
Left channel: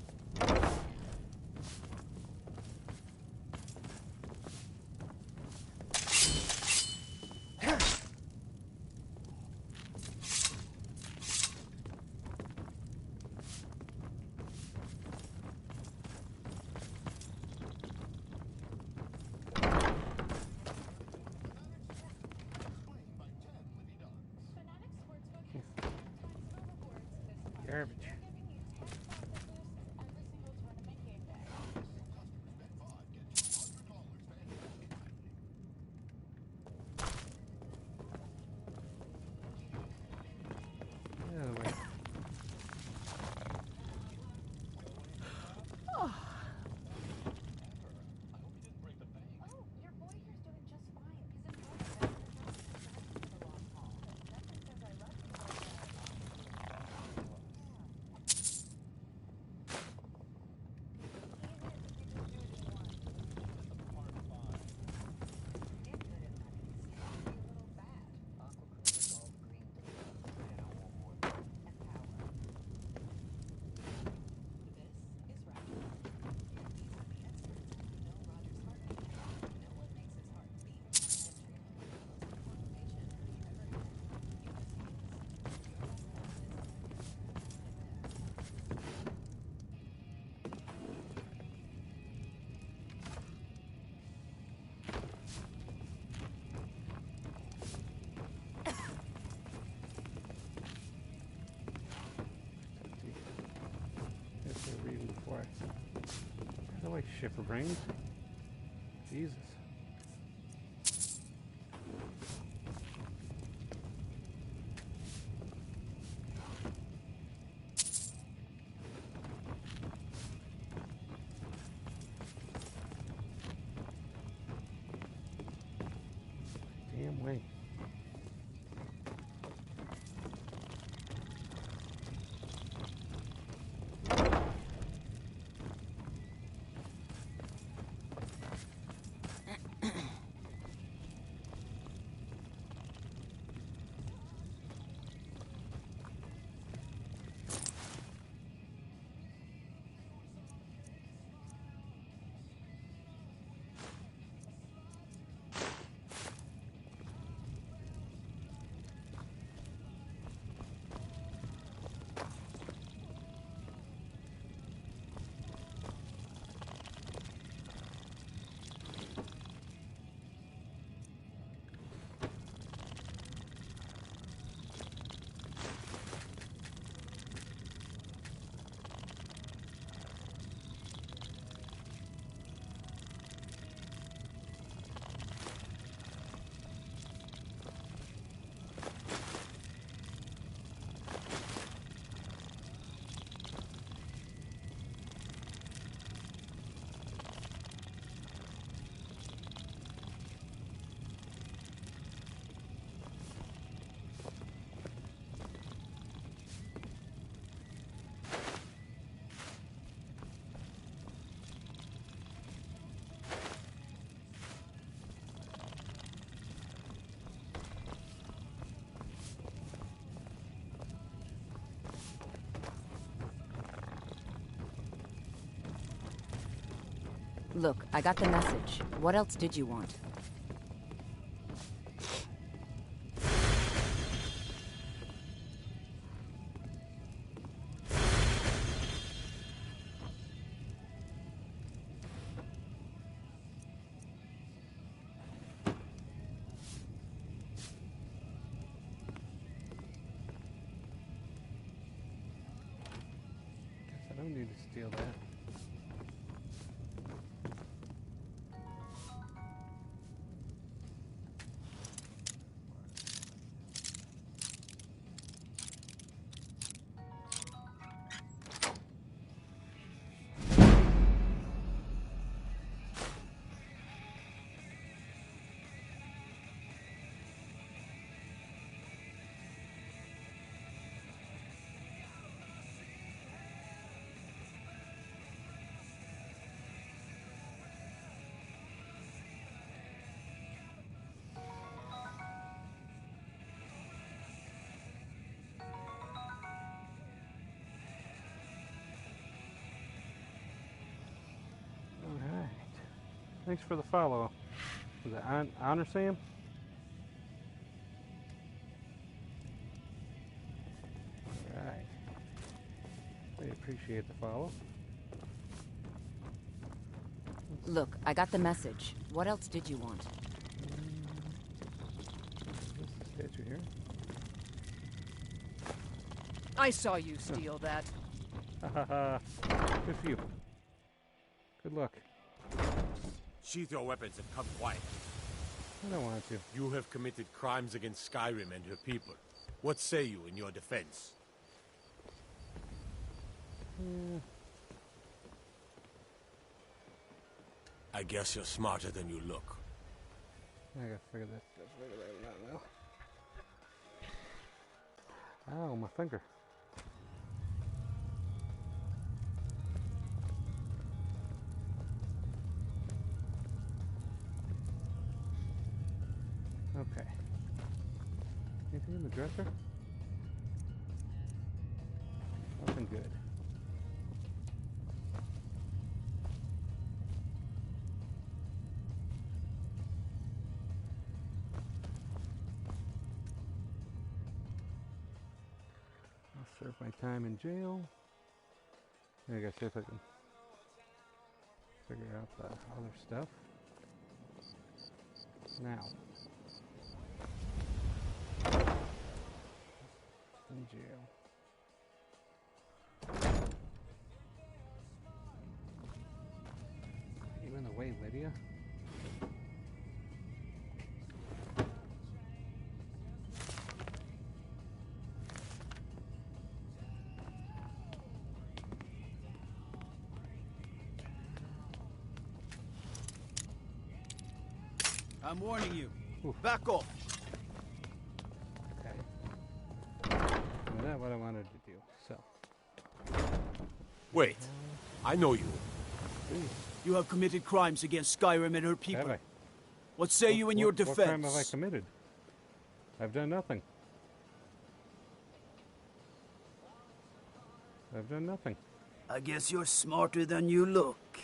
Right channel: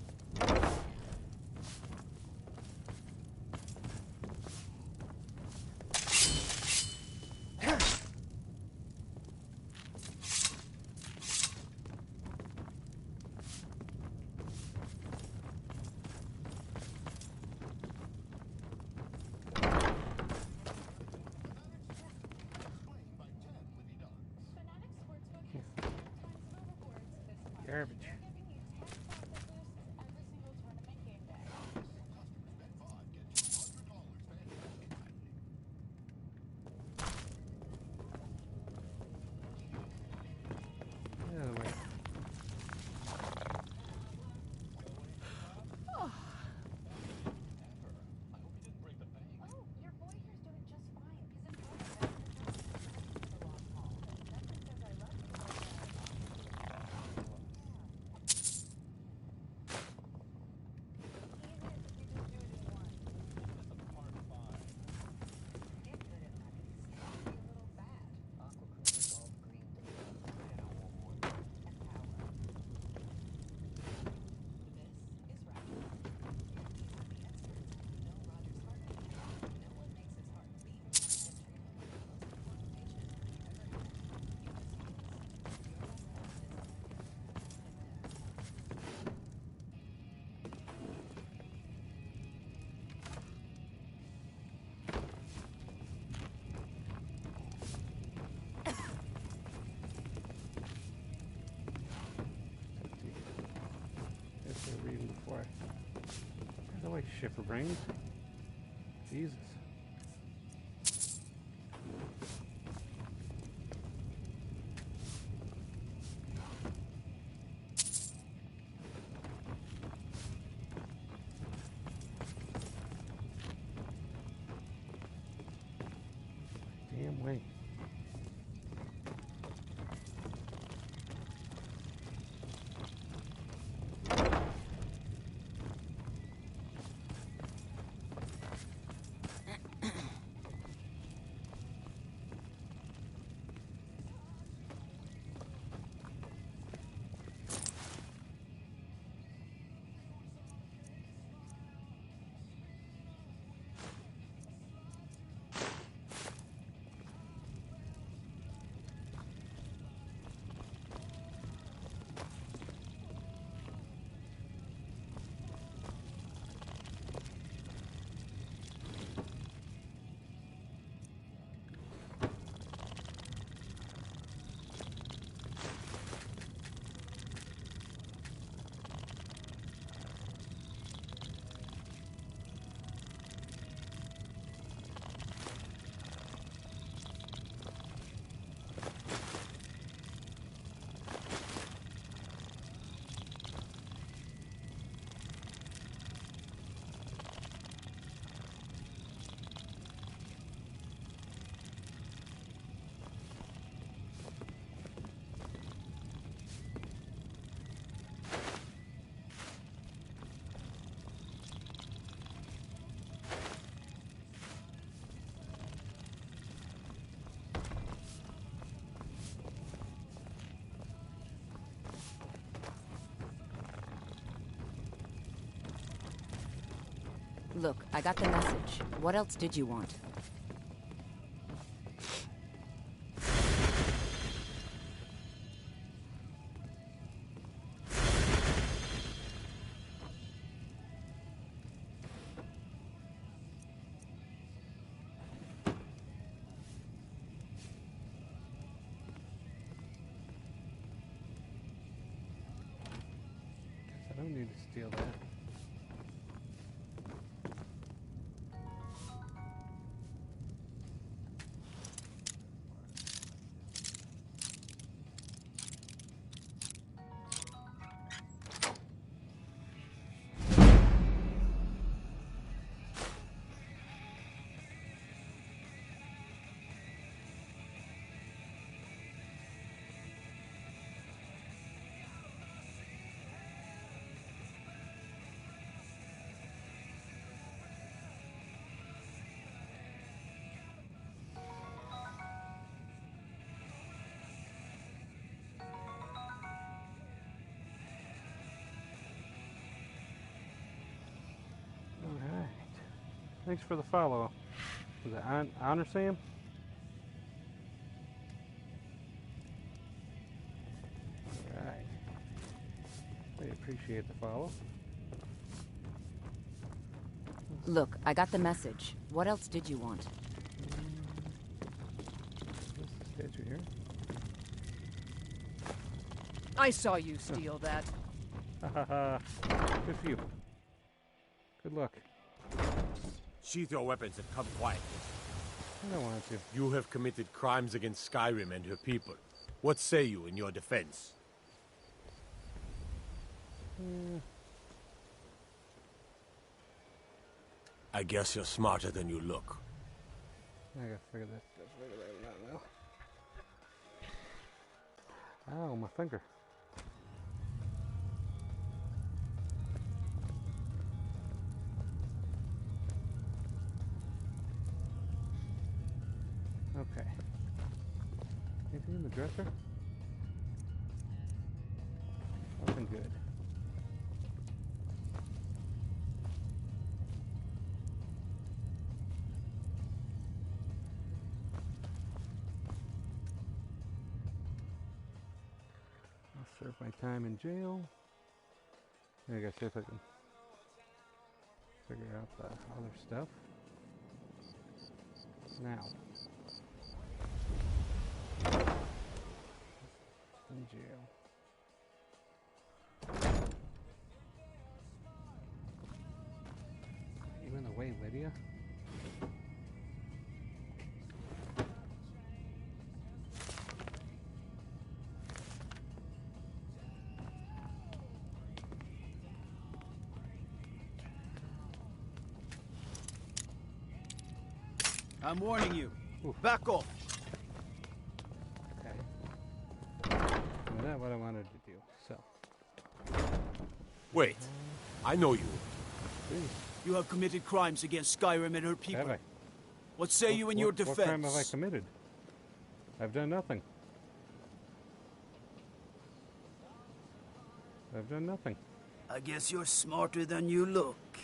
Garbage. Get out of the way. By the way, shipper brains. Jesus. Damn way. Look, I got the message. What else did you want? Guess I don't need to steal that. Thanks for the follow. Was it Honor Sam? Alright. We appreciate the follow. Look, I got the message. What else did you want? Is this the statue here? I saw you steal that. Ha ha ha. Good for you. Good luck. Sheath your weapons and come quietly. I don't want to. You have committed crimes against Skyrim and her people. What say you in your defense? I guess you're smarter than you look. I gotta figure that out now. Ow, my finger. Okay. Anything in the dresser? Nothing good. I'll serve my time in jail. I gotta see if I can figure out the other stuff. Now. In jail. You in the way, Lydia? I'm warning you. Back off. Okay. Well, that's what I wanted to do, so. Wait. I know you. You have committed crimes against Skyrim and her people. Have I? What say you in your defense? What crime have I committed? I've done nothing. I've done nothing. I guess you're smarter than you look.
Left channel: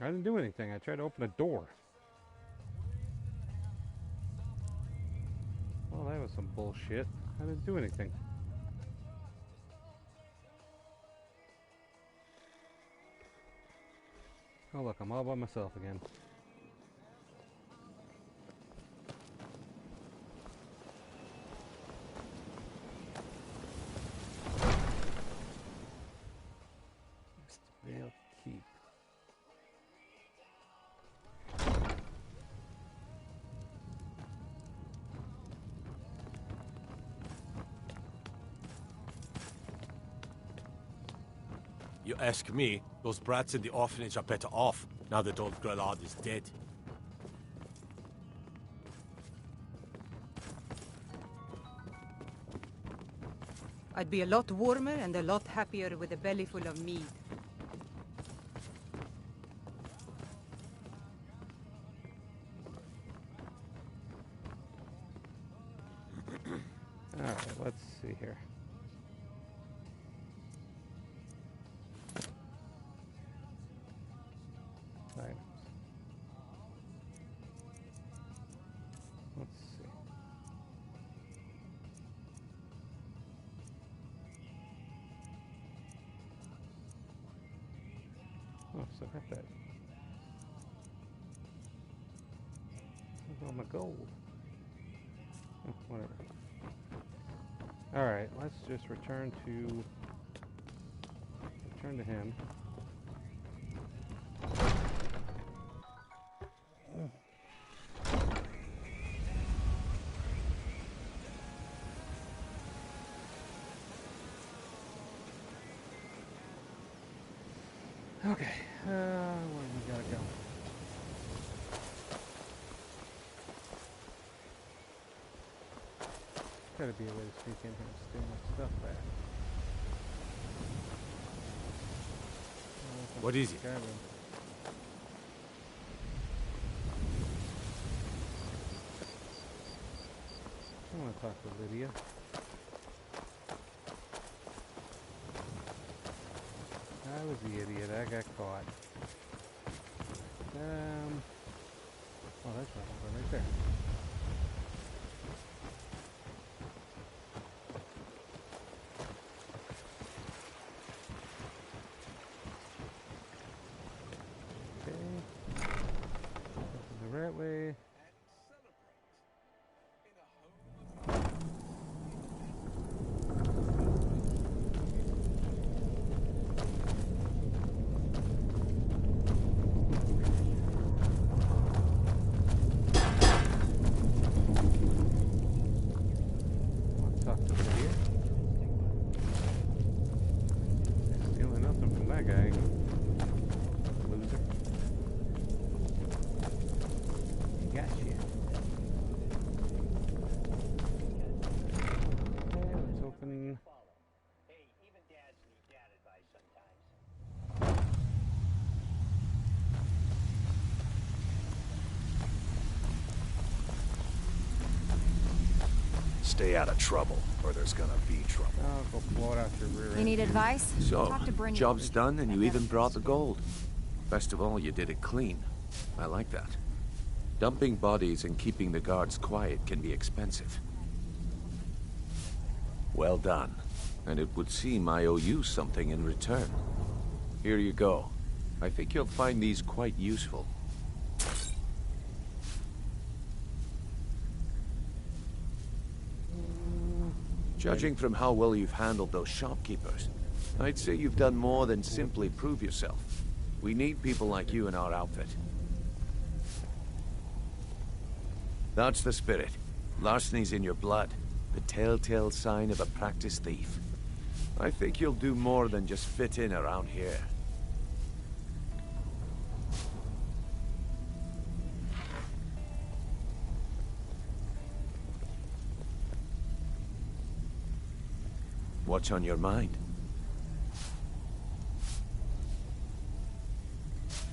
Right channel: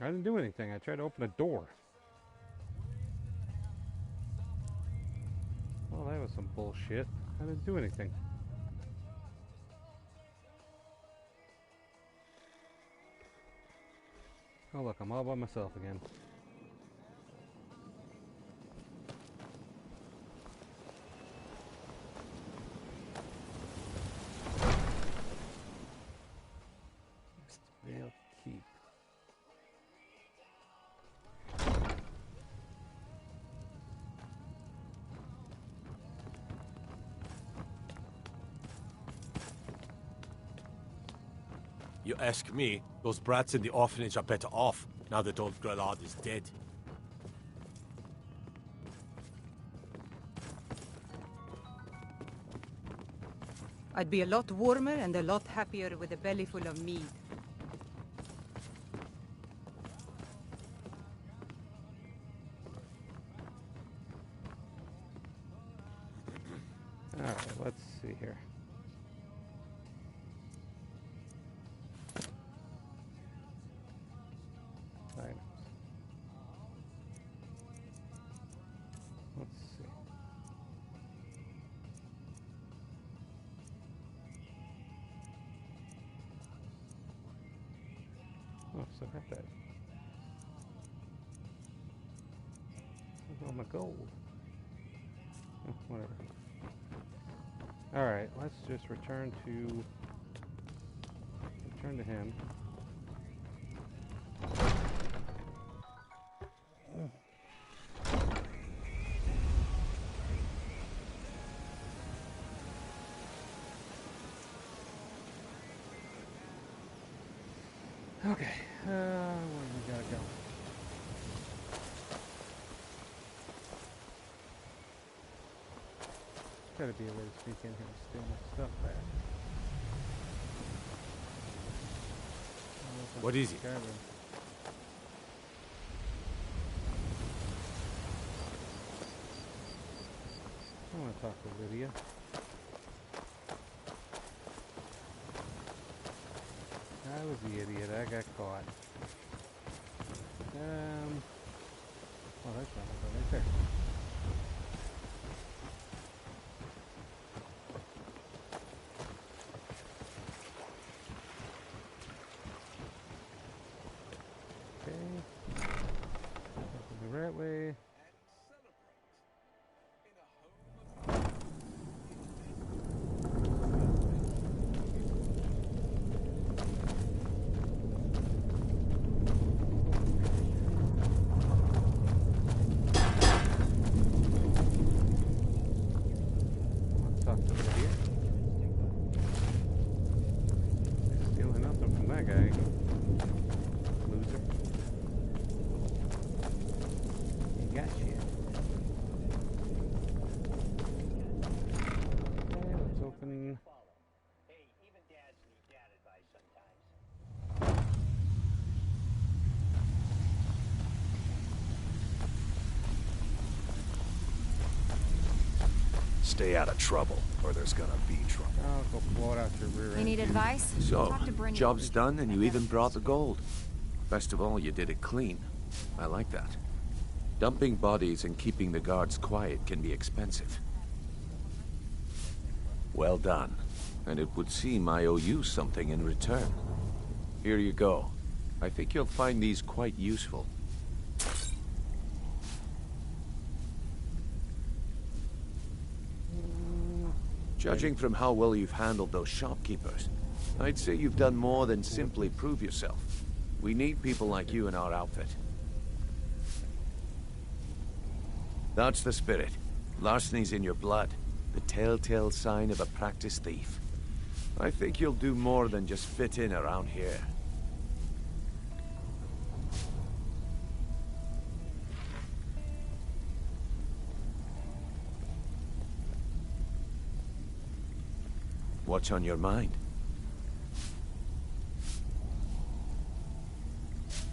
I didn't do anything. I tried to open a door. Well, that was some bullshit. I didn't do anything. Oh look, I'm all by myself again. Vale Keep. You ask me, those brats in the orphanage are better off, now that old Grelard is dead. I'd be a lot warmer and a lot happier with a belly full of mead. Alright, let's see here. Items. Let's see. Oh, so I got that. Where's all my gold? Oh, whatever. Alright, let's just return to him. Okay, where do we gotta go? Gotta be a way to sneak in here and steal my stuff back. What is it? I want to talk to Lydia. I was the idiot. I got caught. Oh, that's right there. Okay. The right way. Stealing nothing from that guy. Loser. He got you. Okay, let's open. Stay out of trouble, or there's gonna be trouble. I'll go blow it out your rear end. You need advice? So, Talk to Brynjolf. job's done and you even brought the gold. Best of all, you did it clean. I like that. Dumping bodies and keeping the guards quiet can be expensive. Well done. And it would seem I owe you something in return. Here you go. I think you'll find these quite useful. Judging from how well you've handled those shopkeepers, I'd say you've done more than simply prove yourself. We need people like you in our outfit. That's the spirit. Larceny's in your blood. The telltale sign of a practiced thief. I think you'll do more than just fit in around here. What's on your mind?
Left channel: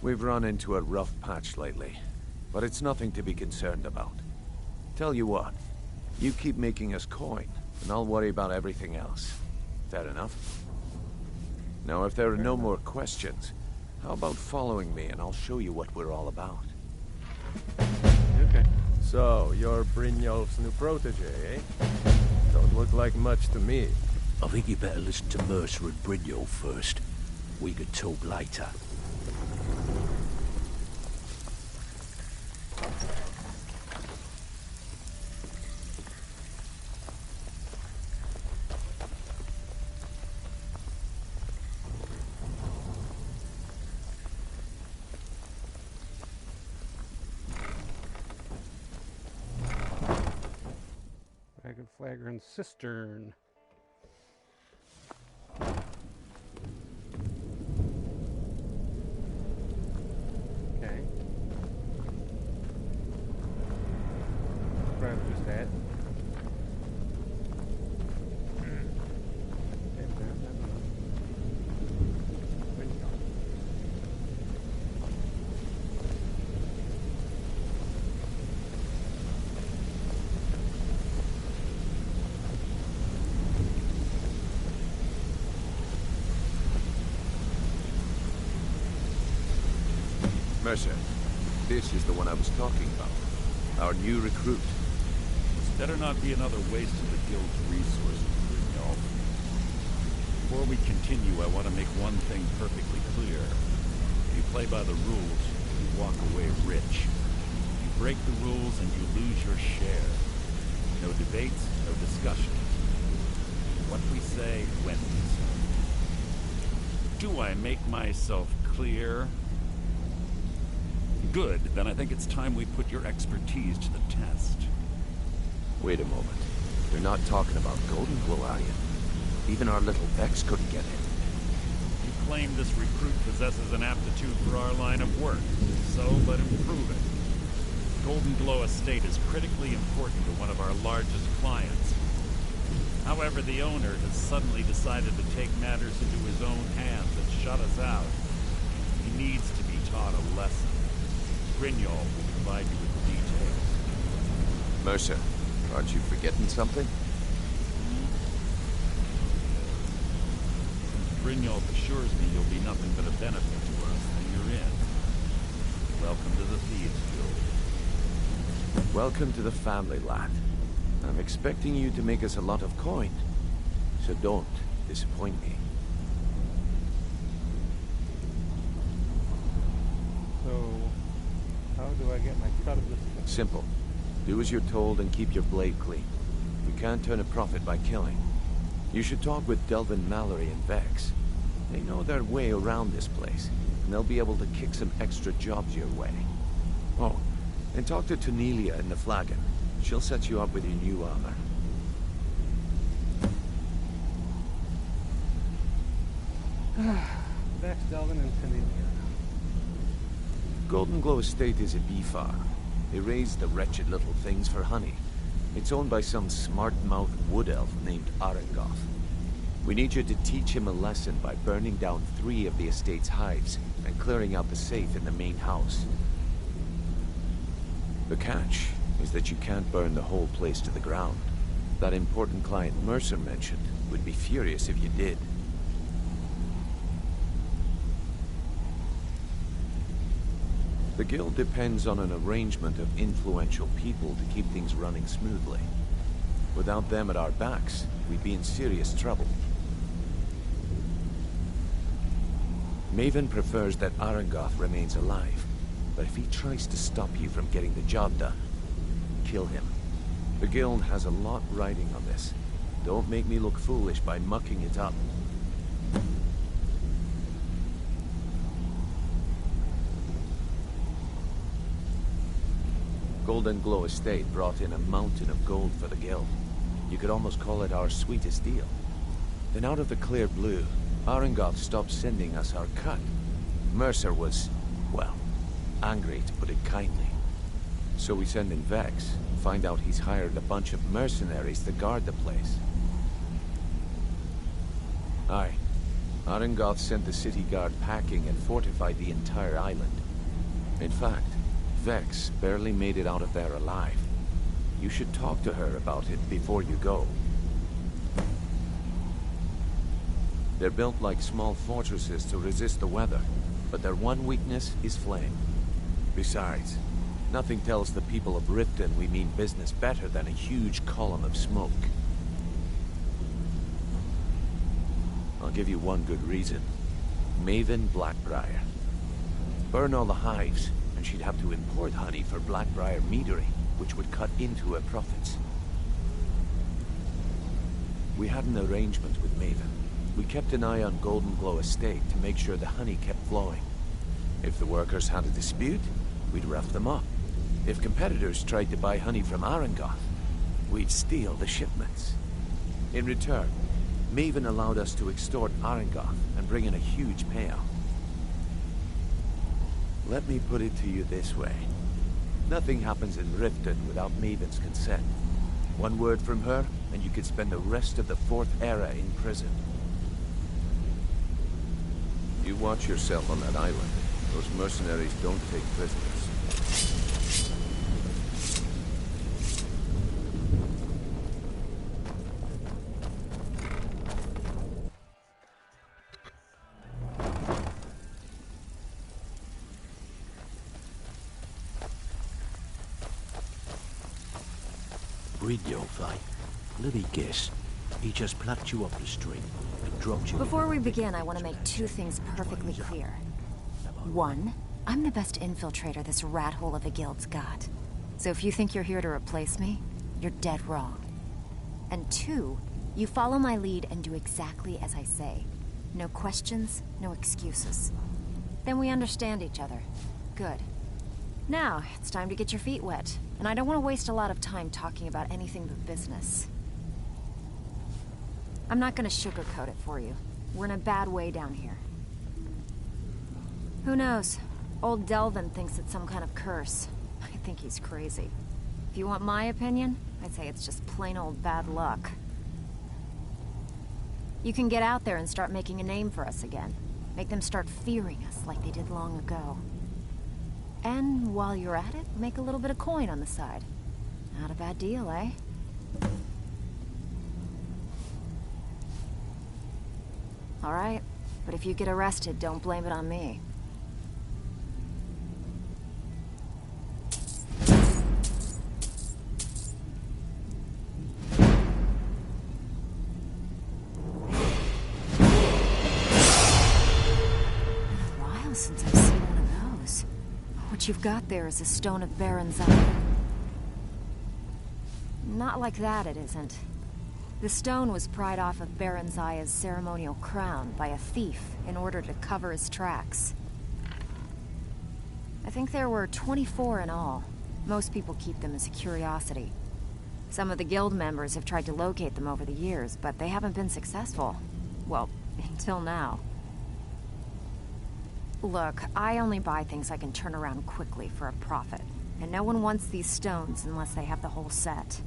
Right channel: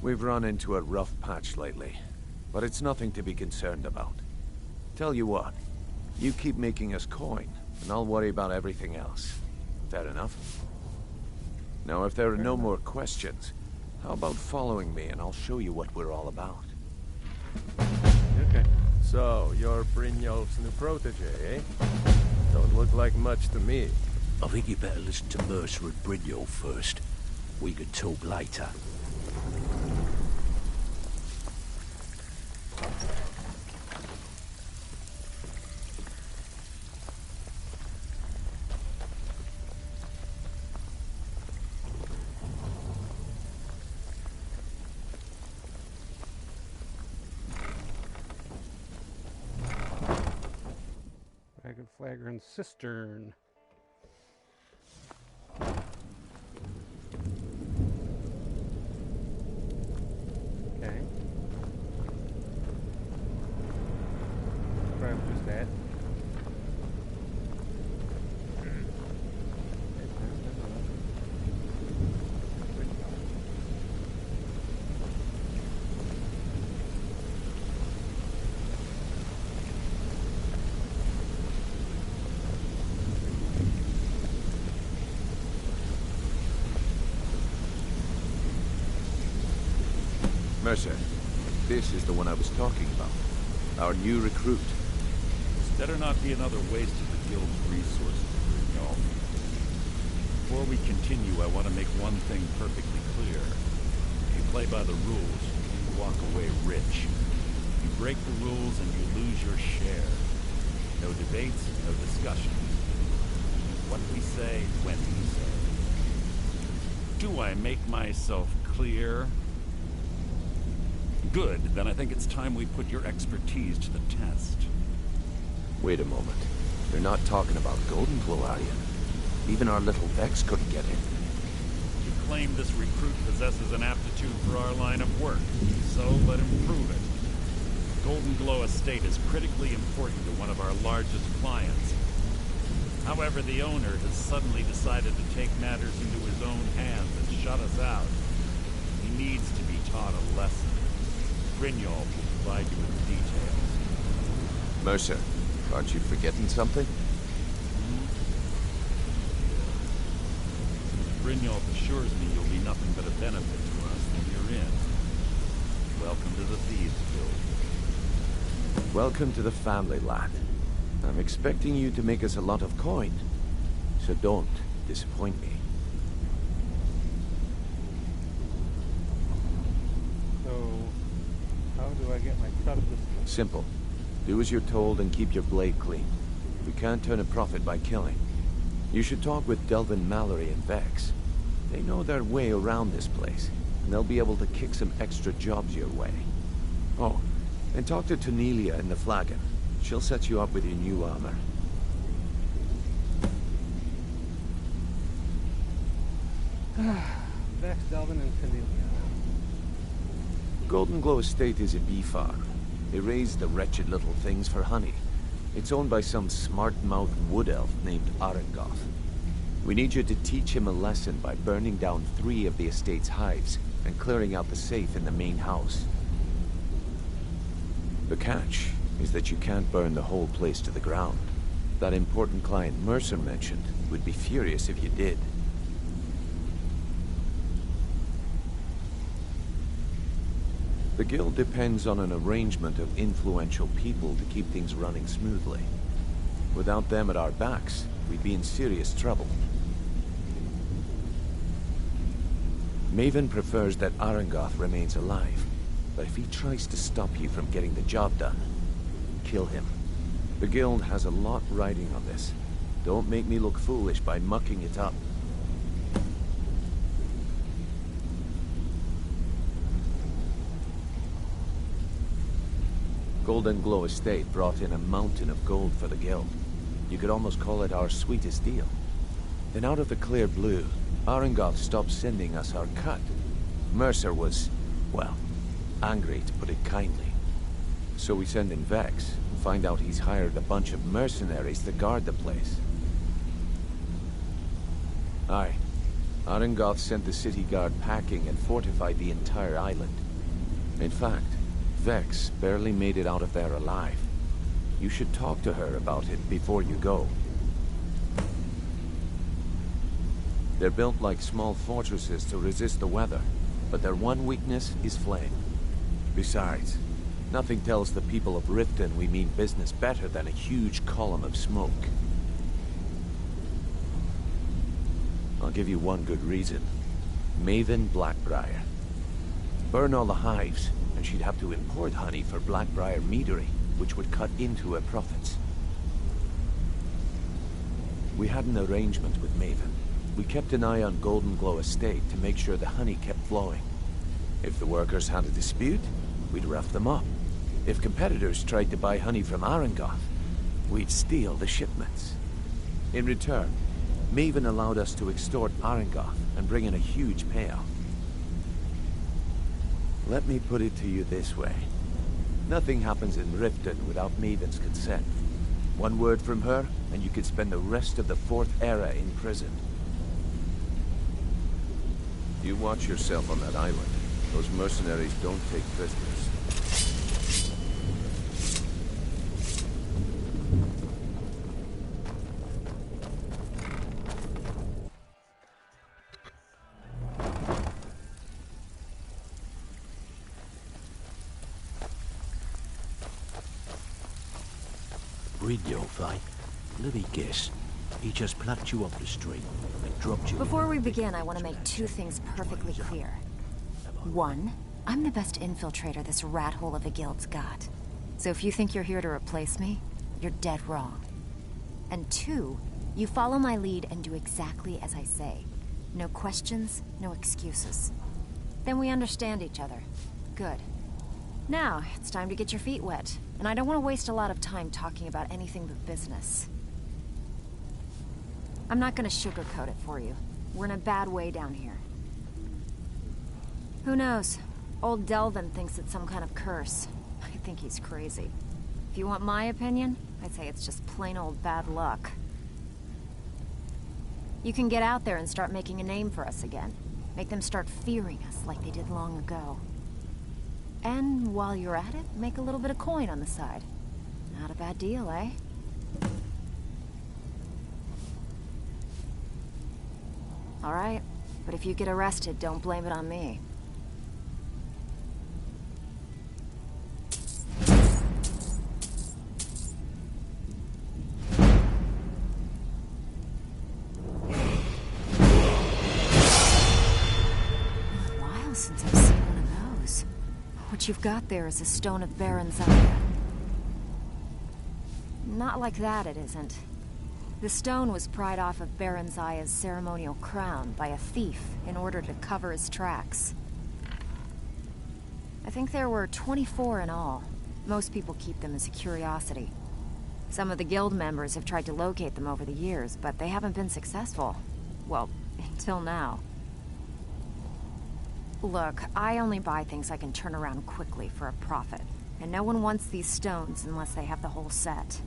We've run into a rough patch lately, but it's nothing to be concerned about. Tell you what, you keep making us coin, and I'll worry about everything else. Fair enough? Now, if there are no more questions, how about following me and I'll show you what we're all about? Okay. So, you're Brynjolf's new protege, eh? Don't look like much to me. I think you better listen to Mercer and Brynjolf first. We could talk later. Dragon Flagon Cistern. Okay. Probably just that. Mercer, this is the one I was talking about. Our new recruit. This better not be another waste of the guild's resources, Brynjolf. Before we continue, I want to make one thing perfectly clear. If you play by the rules, you walk away rich. You break the rules and you lose your share. No debates, no discussions. What we say, when we say. Do I make myself clear? Good, then I think it's time we put your expertise to the test. Wait a moment. You're not talking about Goldenglow, are you? Even our little Vex couldn't get in. You claim this recruit possesses an aptitude for our line of work, so let him prove it. Goldenglow Estate is critically important to one of our largest clients. However, the owner has suddenly decided to take matters into his own hands and shut us out. He needs to be taught a lesson. Brynjolf will provide you with the details. Mercer, aren't you forgetting something? Since Brynjolf assures me you'll be nothing but a benefit to us, then you're in. Welcome to the Thieves Guild. Welcome to the family, lad. I'm expecting you to make us a lot of coin, so don't disappoint me. So, how do I get my cut of this thing? Simple. Do as you're told and keep your blade clean. We can't turn a profit by killing. You should talk with Delvin Mallory and Vex. They know their way around this place, and they'll be able to kick some extra jobs your way. Oh, and talk to Tonelia in the Flagon. She'll set you up with your new armor. Vex, Delvin, and Tonelia. Golden Glow Estate is a bee farm. They raise the wretched little things for honey. It's owned by some smart-mouthed wood elf named Arengoth. We need you to teach him a lesson by burning down 3 of the estate's hives and clearing out the safe in the main house. The catch is that you can't burn the whole place to the ground. That important client Mercer mentioned would be furious if you did. The guild depends on an arrangement of influential people to keep things running smoothly. Without them at our backs, we'd be in serious trouble. Maven prefers that Arengoth remains alive, but if he tries to stop you from getting the job done, kill him. The guild has a lot riding on this. Don't make me look foolish by mucking it up. Golden Glow Estate brought in a mountain of gold for the guild. You could almost call it our sweetest deal. Then out of the clear blue, Arengoth stopped sending us our cut. Mercer was, well, angry to put it kindly. So we send in Vex and find out he's hired a bunch of mercenaries to guard the place. Aye. Arengoth sent the city guard packing and fortified the entire island. In fact, Vex barely made it out of there alive. You should talk to her about it before you go. They're built like small fortresses to resist the weather, but their one weakness is flame. Besides, nothing tells the people of Riften we mean business better than a huge column of smoke. I'll give you one good reason. Maven Blackbriar. Burn all the hives, and she'd have to import honey for Blackbriar meadery, which would cut into her profits. We had an arrangement with Maven. We kept an eye on Golden Glow Estate to make sure the honey kept flowing. If the workers had a dispute, we'd rough them up. If competitors tried to buy honey from Arengoth, we'd steal the shipments. In return, Maven allowed us to extort Arengoth and bring in a huge payout. Let me put it to you this way. Nothing happens in Riften without Maven's consent. One word from her, and you could spend the rest of the Fourth Era in prison. You watch yourself on that island. Those mercenaries don't take prisoners. Brynjolf, eh? Let me guess. He just plucked you off the street and dropped you... Before we begin, I want to make 2 things perfectly clear. 1, I'm the best infiltrator this rat hole of a guild's got. So if you think you're here to replace me, you're dead wrong. And 2, you follow my lead and do exactly as I say. No questions, no excuses. Then we understand each other. Good. Now, it's time to get your feet wet. And I don't want to waste a lot of time talking about anything but business. I'm not going to sugarcoat it for you. We're in a bad way down here. Who knows? Old Delvin thinks it's some kind of curse. I think he's crazy. If you want my opinion, I'd say it's just plain old bad luck. You can get out there and start making a name for us again. Make them start fearing us like they did long ago. And while you're at it, make a little bit of coin on the side. Not a bad deal, eh? All right, but if you get arrested, don't blame it on me. What you've got there is a stone of Baron Zaya. Not like that, it isn't. The stone was pried off of Baron Zaya's ceremonial crown by a thief in order to cover his tracks. I think there were 24 in all. Most people keep them as a curiosity. Some of the guild members have tried to locate them over the years, but they haven't been successful. Well, until now. Look, I only buy things I can turn around quickly for a profit. And no one wants these stones unless they have the whole set.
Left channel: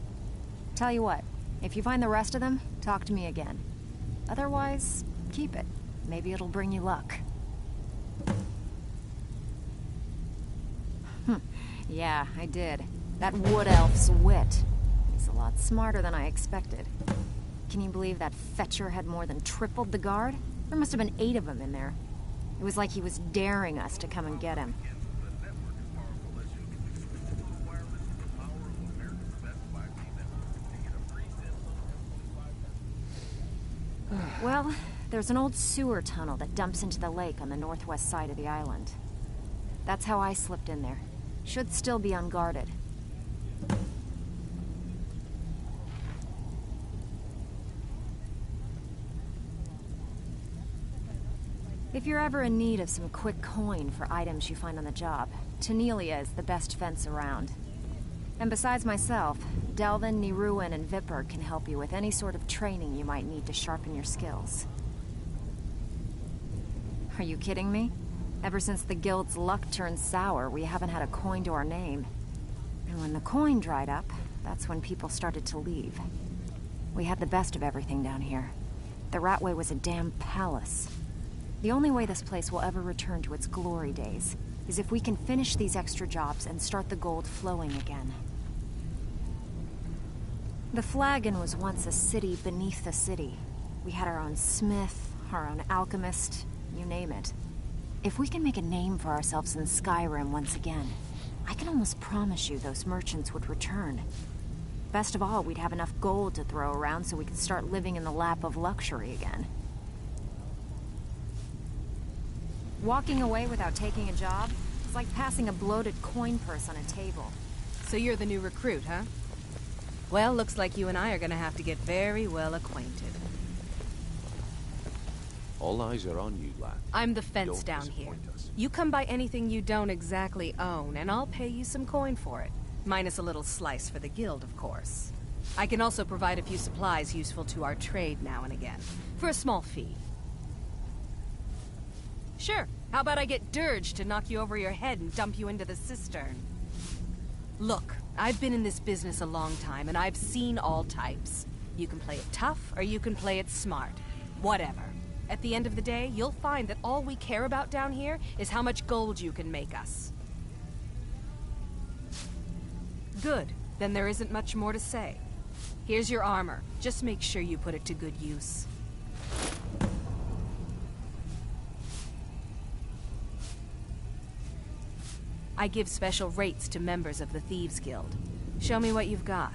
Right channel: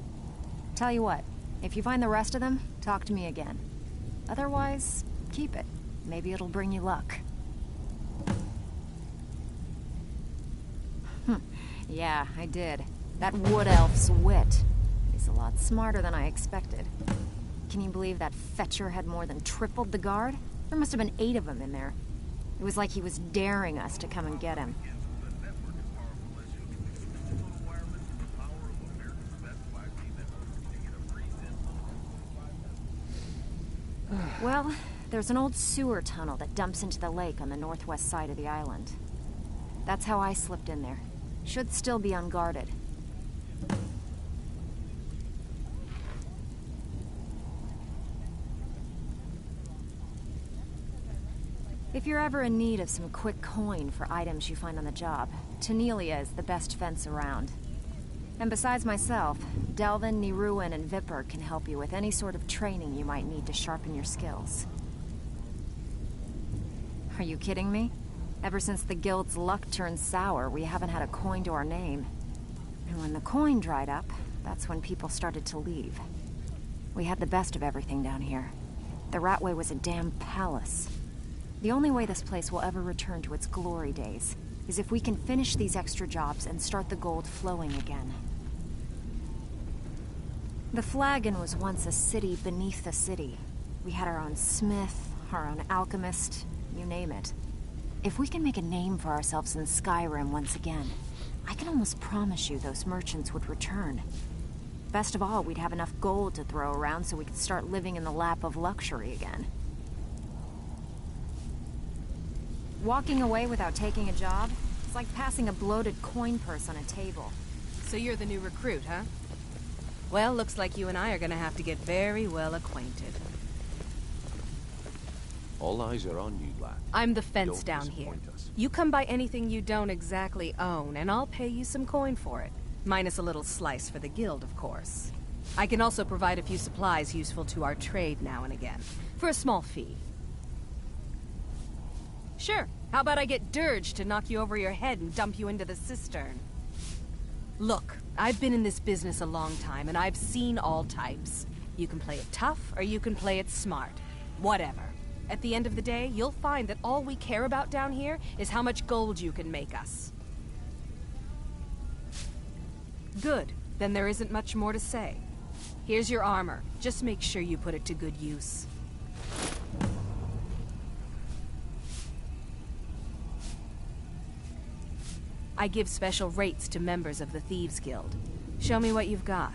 Tell you what, if you find the rest of them, talk to me again. Otherwise, keep it. Maybe it'll bring you luck. Yeah, I did. That wood elf's wit. He's a lot smarter than I expected. Can you believe that Fetcher had more than tripled the guard? There must have been 8 of them in there. It was like he was daring us to come and get him. Well, there's an old sewer tunnel that dumps into the lake on the northwest side of the island. That's how I slipped in there. Should still be unguarded. If you're ever in need of some quick coin for items you find on the job, Tanelia is the best fence around. And besides myself, Delvin, Niruin, and Vipper can help you with any sort of training you might need to sharpen your skills. Are you kidding me? Ever since the guild's luck turned sour, we haven't had a coin to our name. And when the coin dried up, that's when people started to leave. We had the best of everything down here. The Ratway was a damn palace. The only way this place will ever return to its glory days is if we can finish these extra jobs and start the gold flowing again. The Flagon was once a city beneath a city. We had our own smith, our own alchemist, you name it. If we can make a name for ourselves in Skyrim once again, I can almost promise you those merchants would return. Best of all, we'd have enough gold to throw around so we could start living in the lap of luxury again. Walking away without taking a job is like passing a bloated coin purse on a table. So you're the new recruit, huh? Well, looks like you and I are gonna have to get very well acquainted. All eyes are on you, lad. I'm the fence down here. You come by anything you don't exactly own, and I'll pay you some coin for it. Minus a little slice for the guild, of course. I can also provide a few supplies useful to our trade now and again, for a small fee. Sure. How about I get Dirge to knock you over your head and dump you into the cistern? Look, I've been in this business a long time, and I've seen all types. You can play it tough, or you can play it smart. Whatever. At the end of the day, you'll find that all we care about down here is how much gold you can make us. Good. Then there isn't much more to say. Here's your armor. Just make sure you put it to good use. I give special rates to members of the Thieves Guild. Show me what you've got.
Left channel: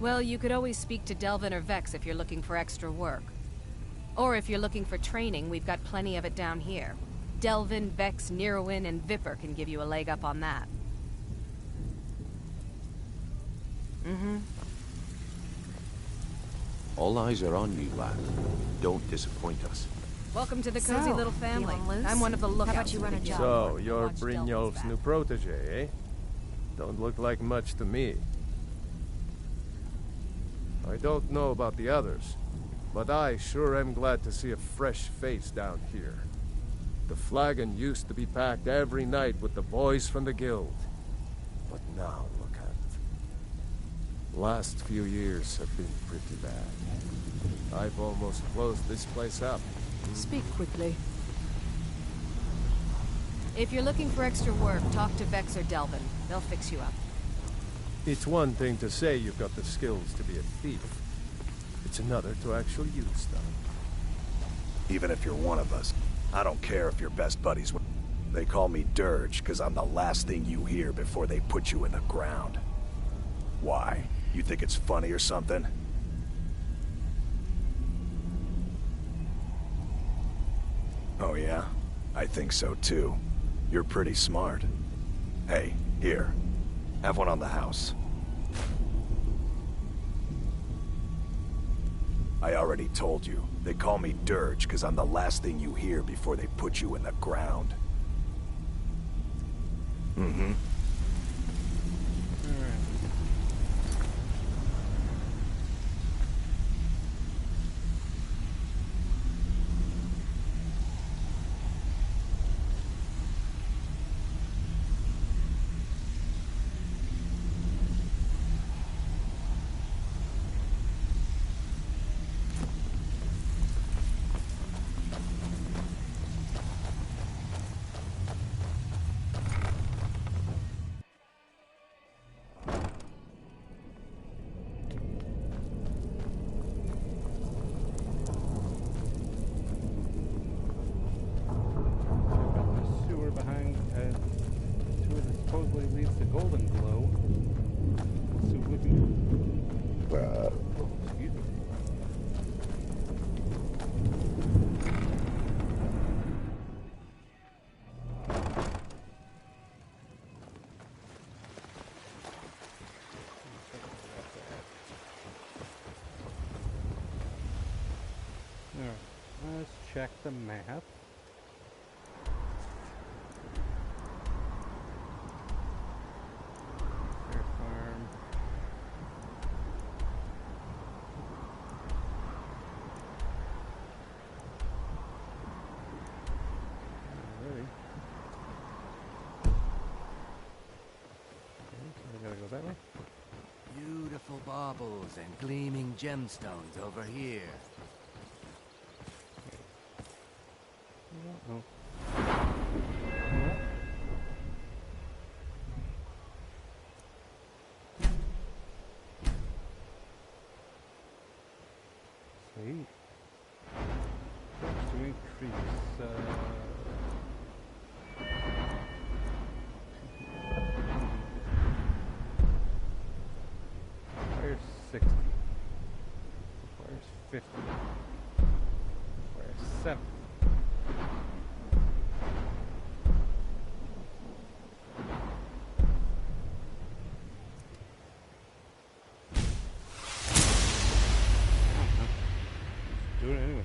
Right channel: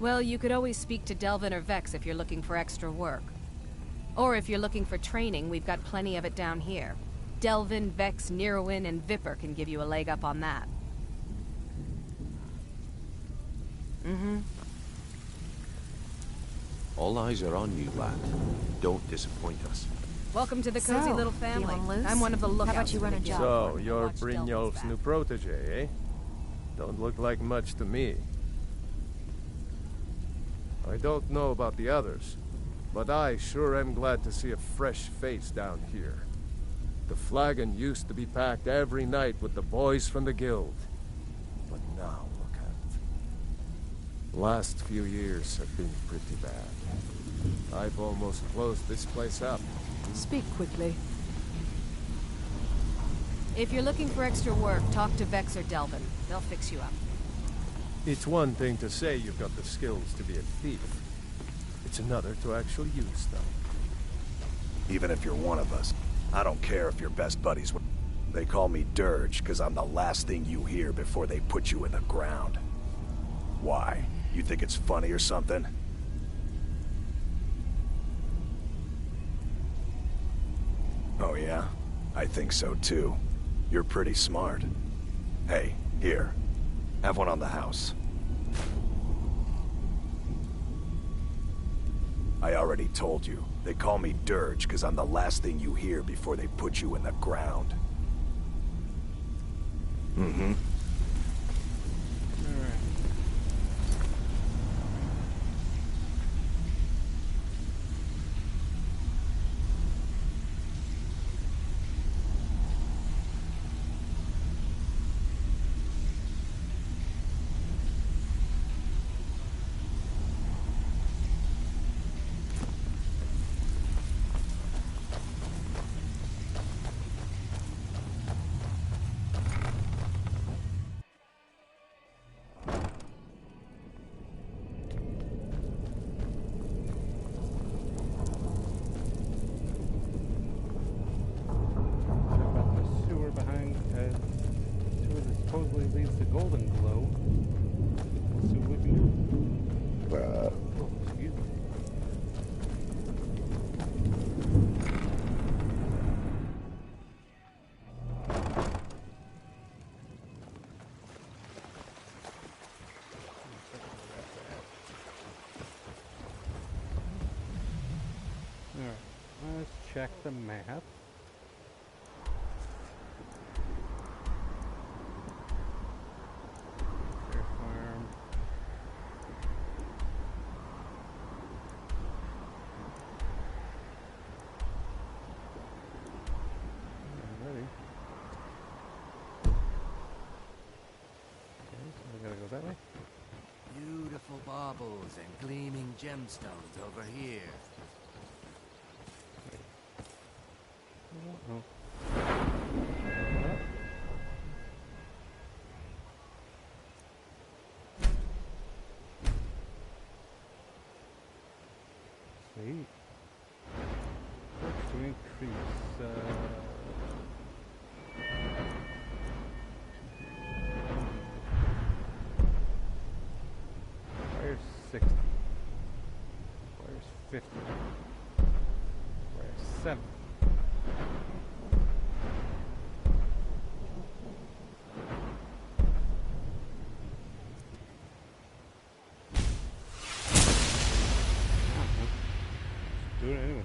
Well, you could always speak to Delvin or Vex if you're looking for extra work. Or if you're looking for training, we've got plenty of it down here. Delvin, Vex, Niruin, and Vipper can give you a leg up on that. All eyes are on you, lad. Don't disappoint us. Welcome to the cozy little family. I'm one of the lookouts. How about you run a job? So, you're Brynjolf's new protege, eh? Don't look like much to me. I don't know about the others, but I sure am glad to see a fresh face down here. The flagon used to be packed every night with the boys from the guild. But now, look at it. Last few years have been pretty bad. I've almost closed this place up. Speak quickly. If you're looking for extra work, talk to Vex or Delvin. They'll fix you up. It's one thing to say you've got the skills to be a thief. It's another to actually use them. Even if you're one of us, I don't care if you're best buddies with... They call me Dirge because I'm the last thing you hear before they put you in the ground. Why? You think it's funny or something? Oh yeah? I think so too. You're pretty smart. Hey, here. Have one on the house. I already told you. They call me Dirge because I'm the last thing you hear before they put you in the ground. Mm-hmm. Alright. Behind sewer that supposedly leads to Golden Glow. We'll see what we can do. Oh, excuse me. Alright, let's check the map. That way? Beautiful baubles and gleaming gemstones over here. Oh. Sweet. Perks to increase. Requires 60. Requires 50. Requires 7. Just do it anyway.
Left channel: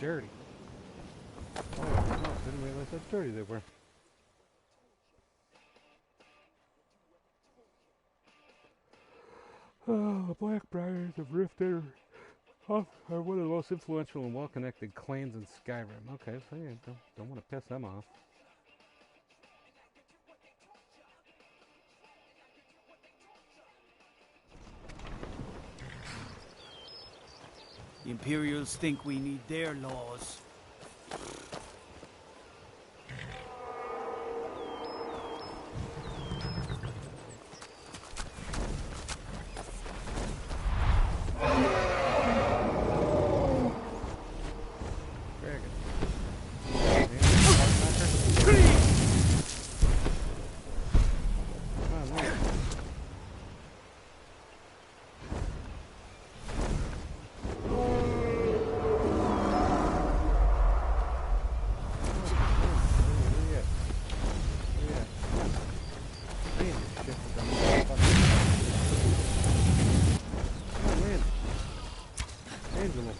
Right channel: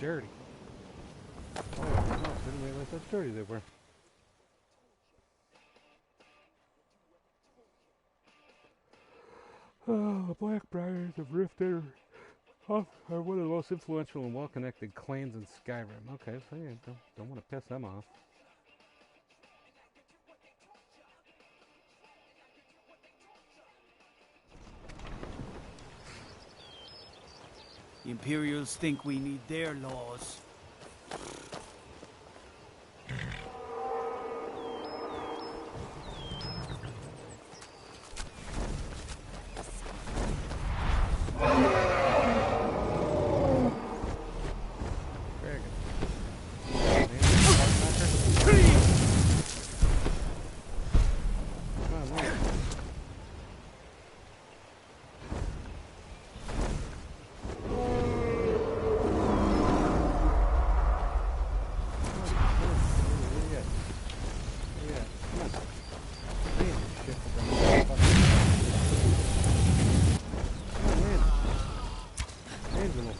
dirty. Oh, no, didn't realize how dirty they were. Oh, the Blackbriars of Rift are one of the most influential and well-connected clans in Skyrim. Okay, so yeah, don't want to piss them off. The Imperials think we need their laws.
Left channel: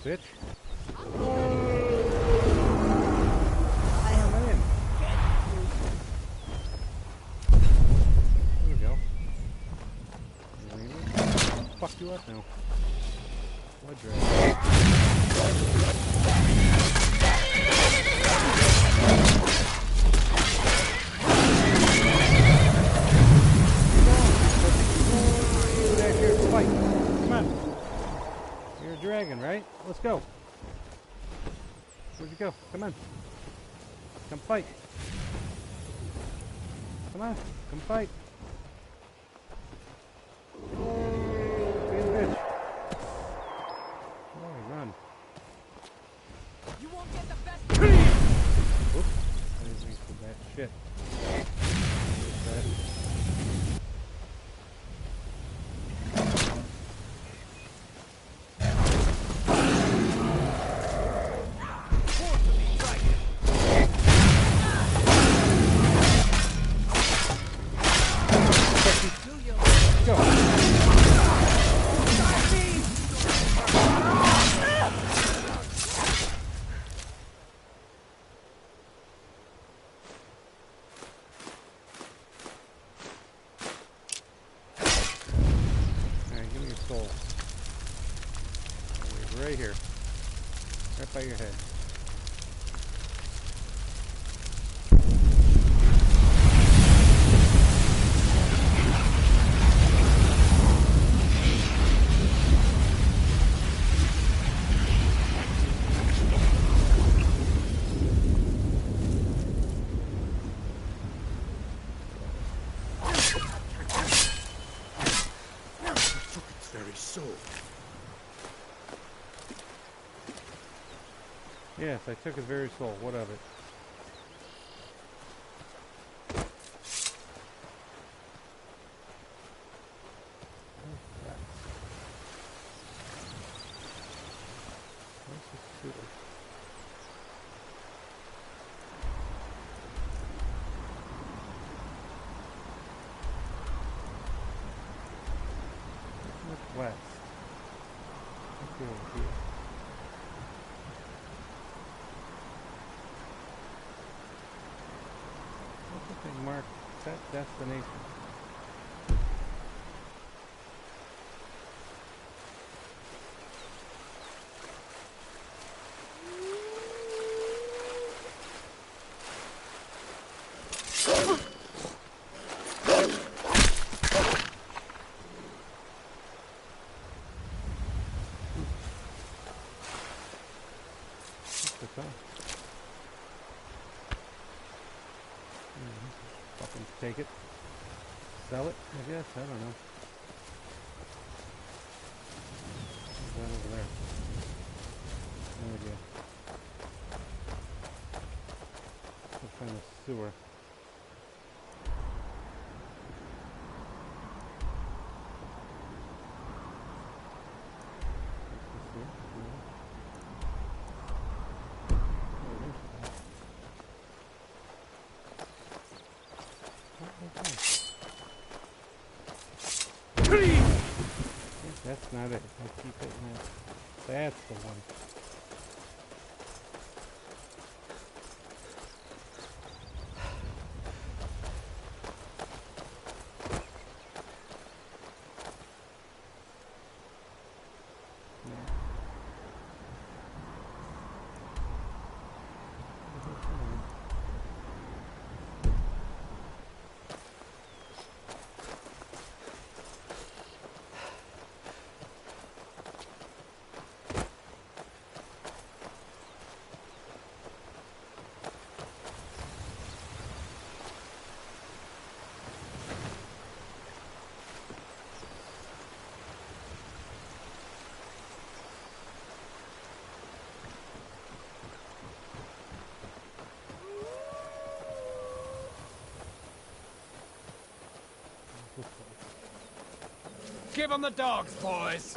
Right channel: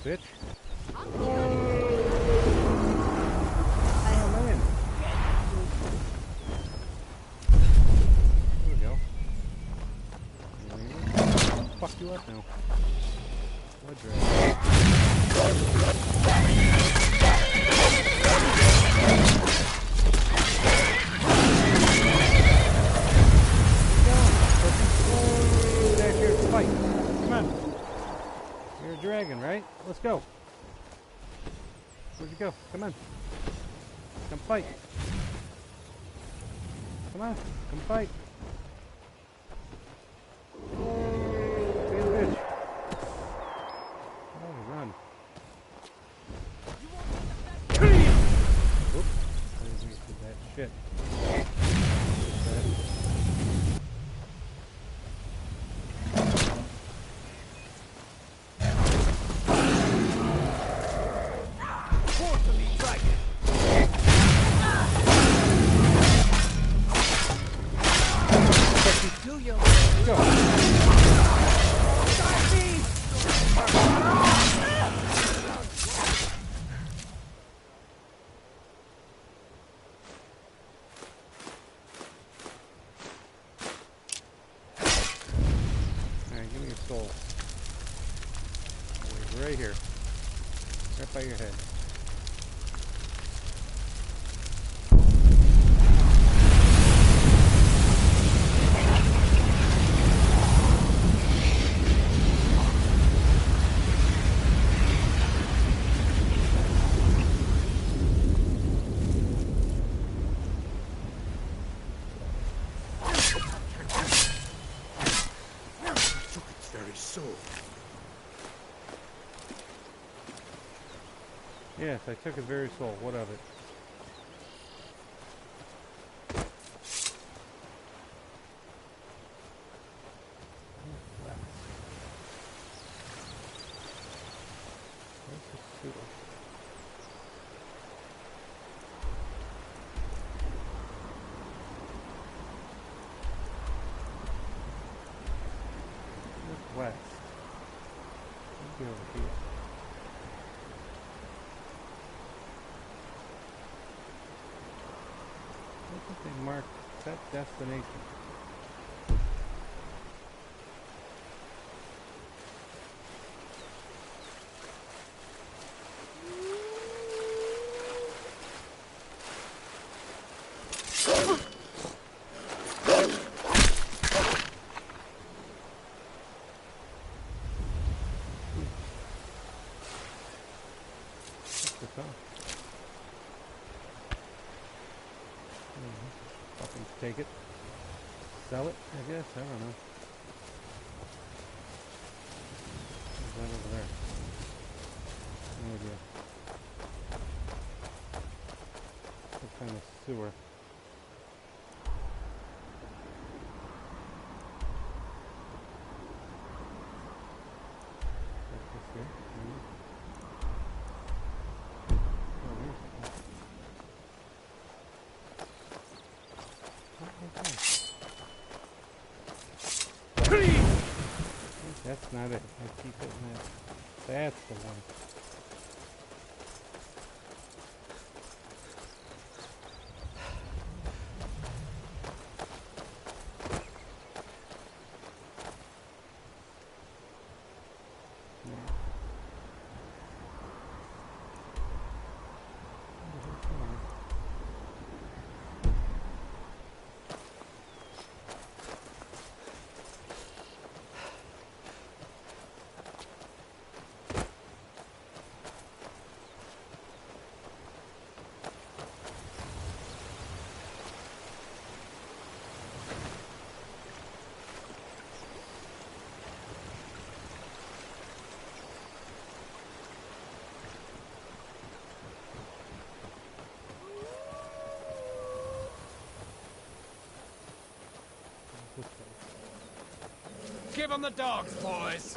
Bitch. There we go. Fuck you up now. Blood drag. Fight. Come on. You're a dragon, right? Let's go. Where'd you go? Come on. Come fight. Come on. Come fight. Be a bitch. Oh, run. You won't get the best. Oops. I wasted that shit. Right here. Right by your head. Took its very soul. Yes, I took his very soul. What of it? Where's the sewer? Northwest. Let's go over here. They marked set destination. What's this on? Fucking take it. Sell it, I guess. I don't know. What's that over there? No idea. Some kind of sewer. What's this here? No. Oh, here's that. That's not it. I keep hitting that. That's the one. Give him the dogs, boys!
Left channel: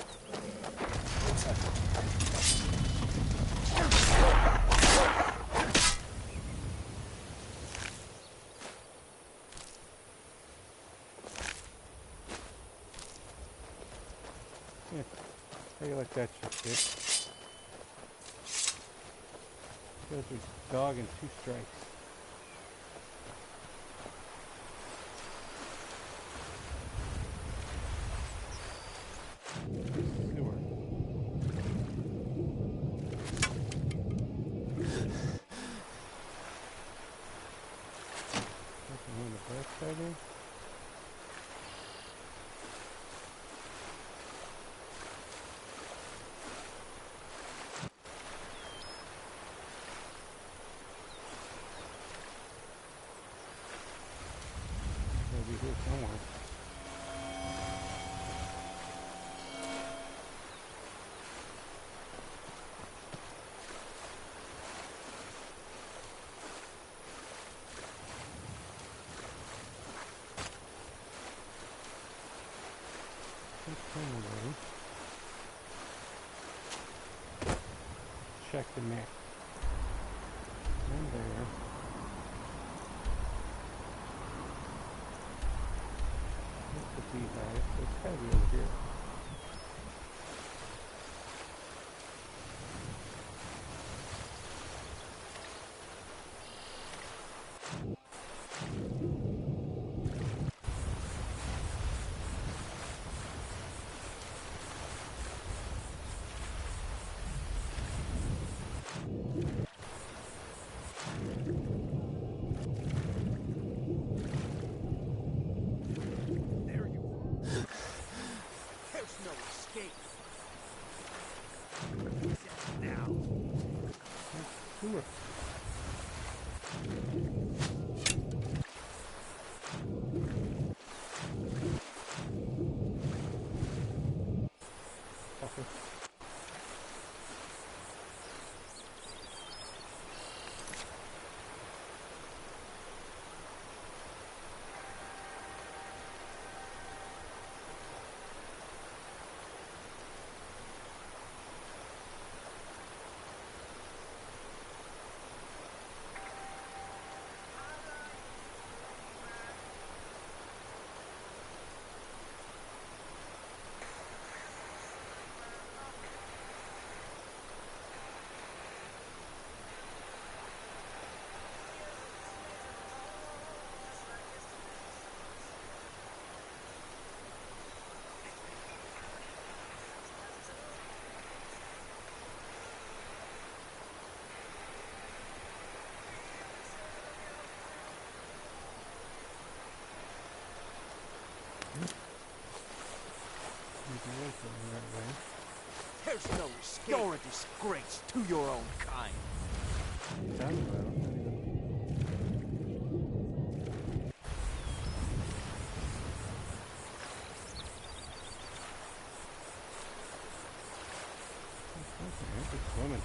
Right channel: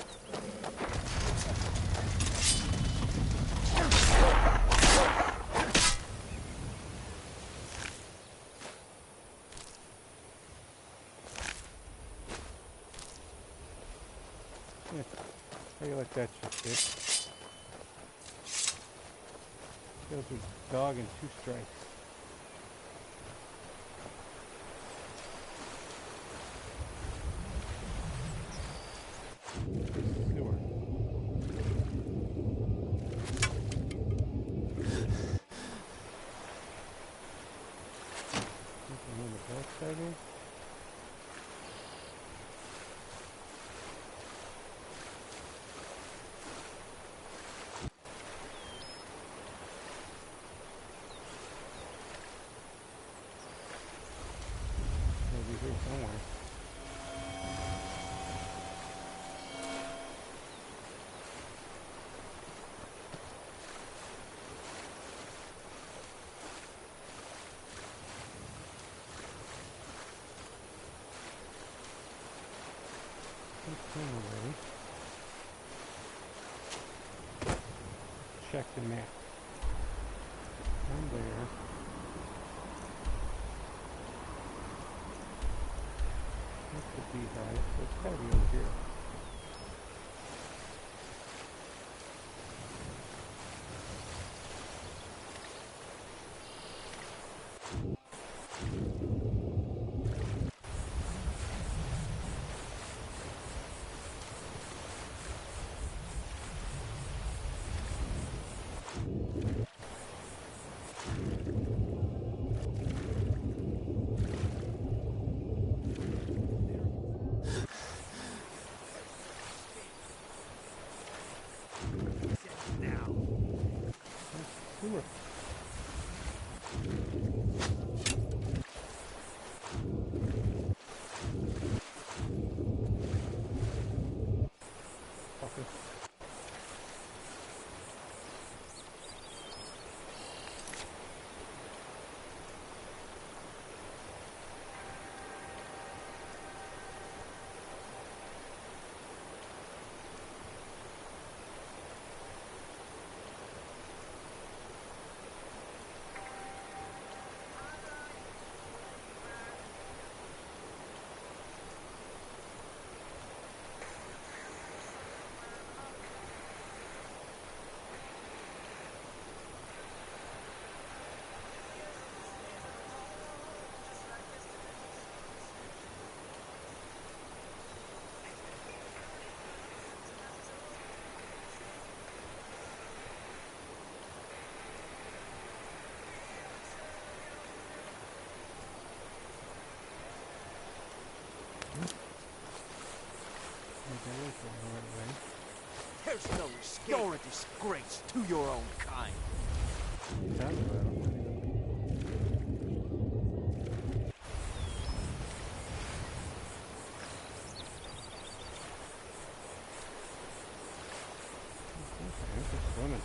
Yeah. How you like that shit, kid? Kills your dog in 2 strikes. Sewer. Nothing on the backside here. Maybe here somewhere. Anyway, check the map. I'm there. That's the beehive, so it's gotta be over here. Sewer. Okay. There's no escape. You're a disgrace to your own kind. Okay, just swimming.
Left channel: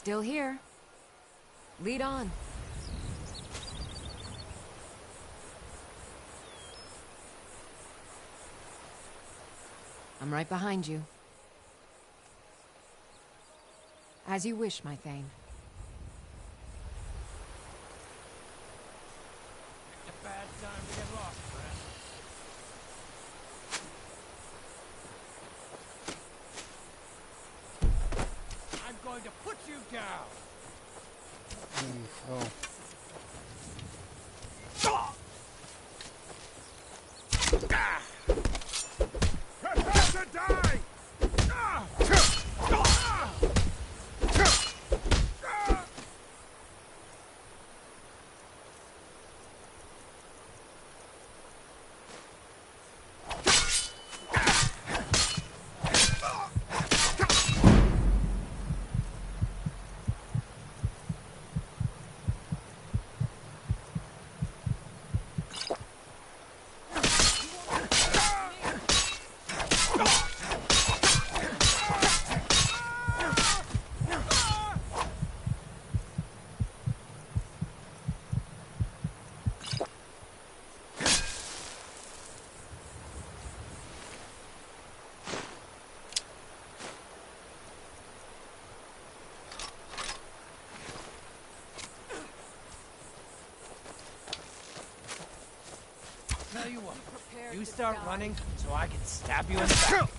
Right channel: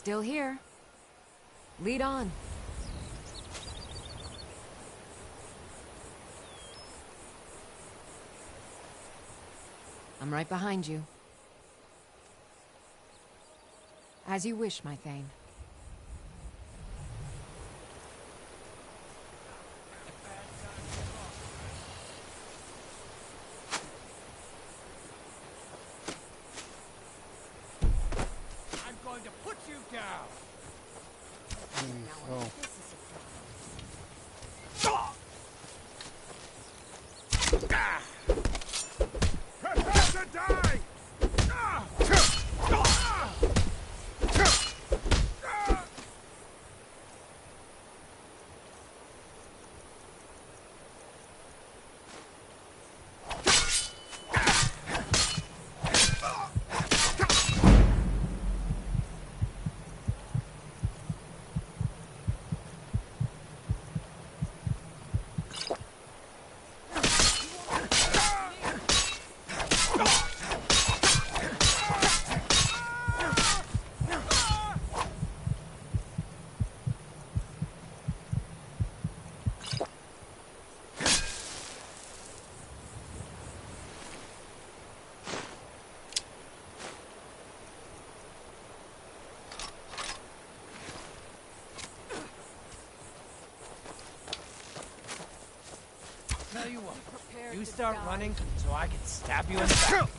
Still here. Lead on. I'm right behind you. As you wish, my Thane. I'm going to put you down. Oh. Prepare to die! Tell you what, you start running so I can stab you in the back.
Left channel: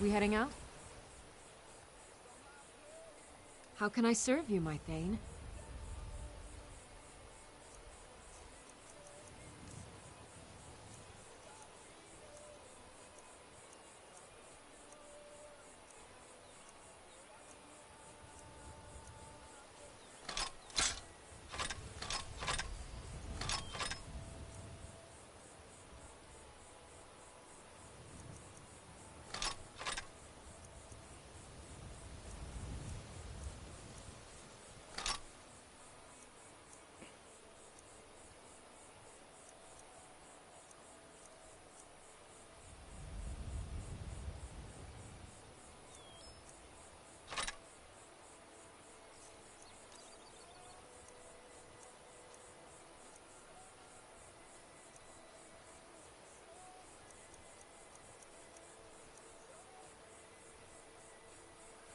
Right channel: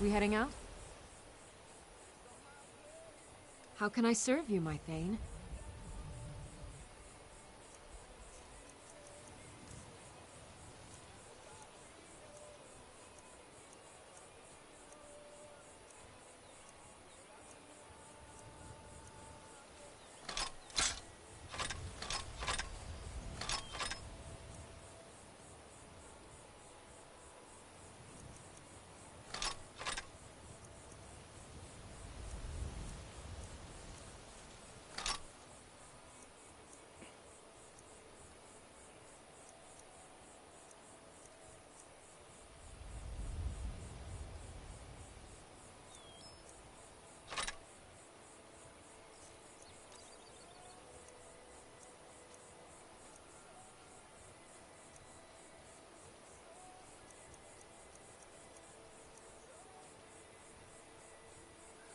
We heading out? How can I serve you, my Thane?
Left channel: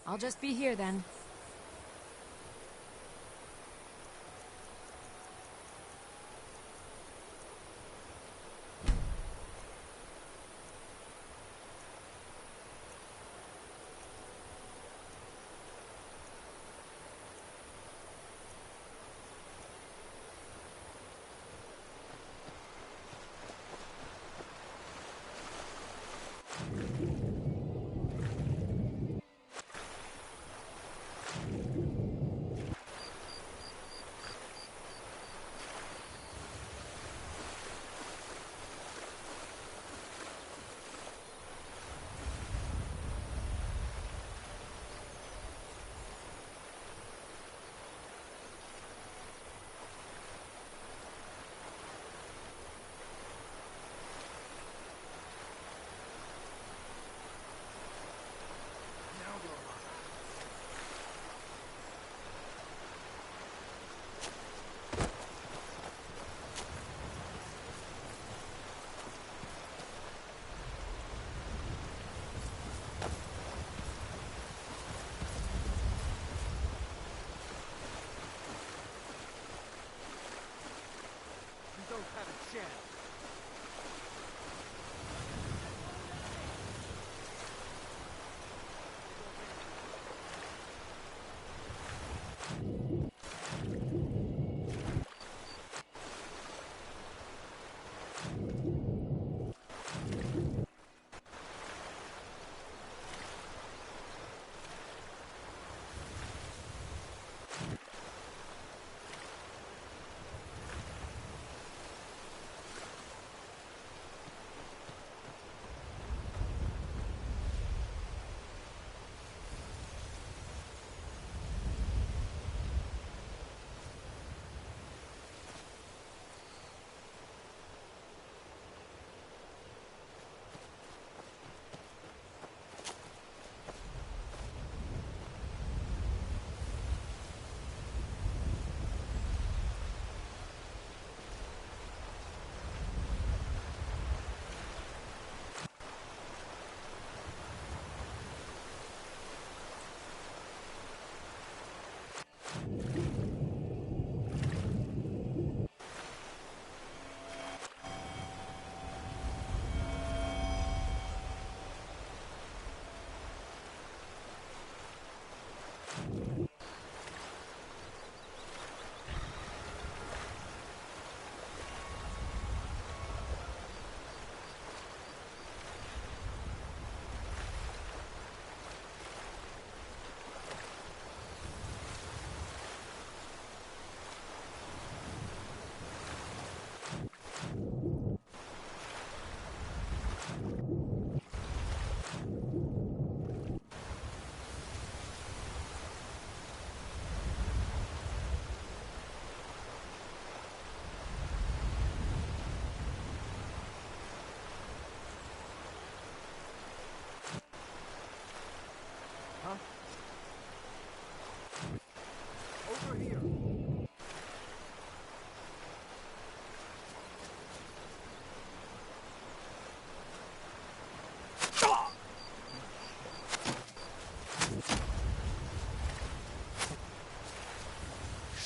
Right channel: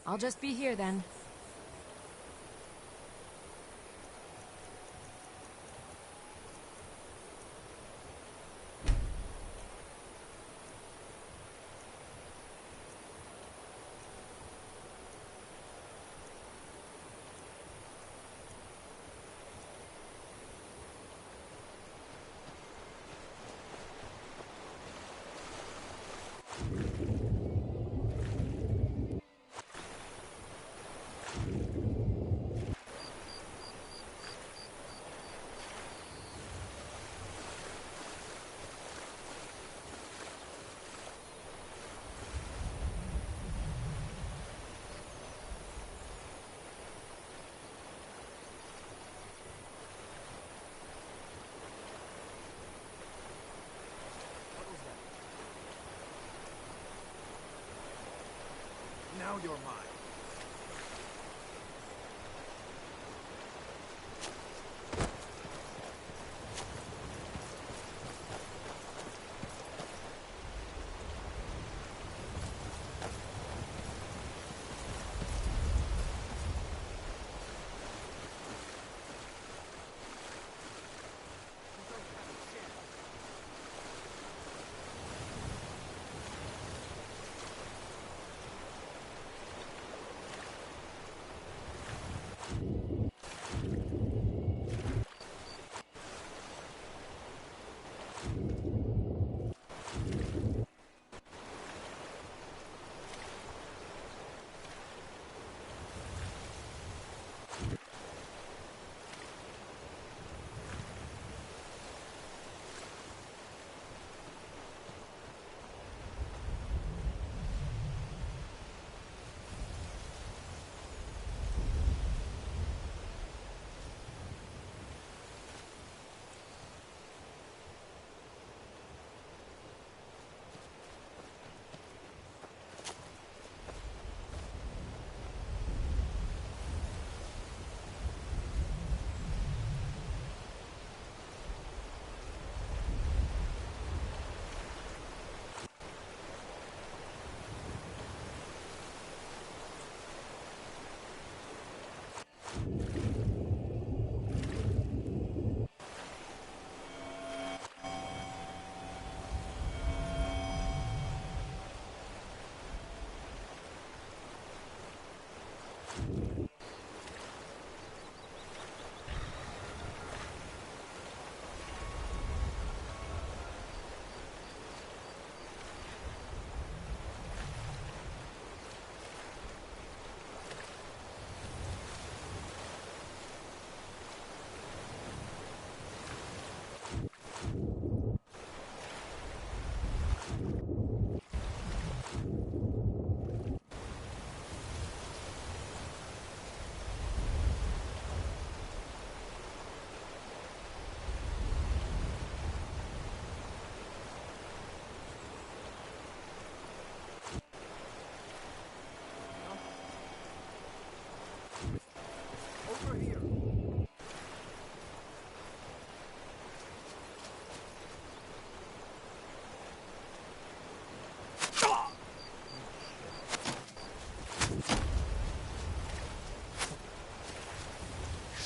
I'll just be here then. Now you're mine.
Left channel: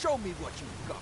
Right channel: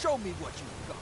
Show me what you've got.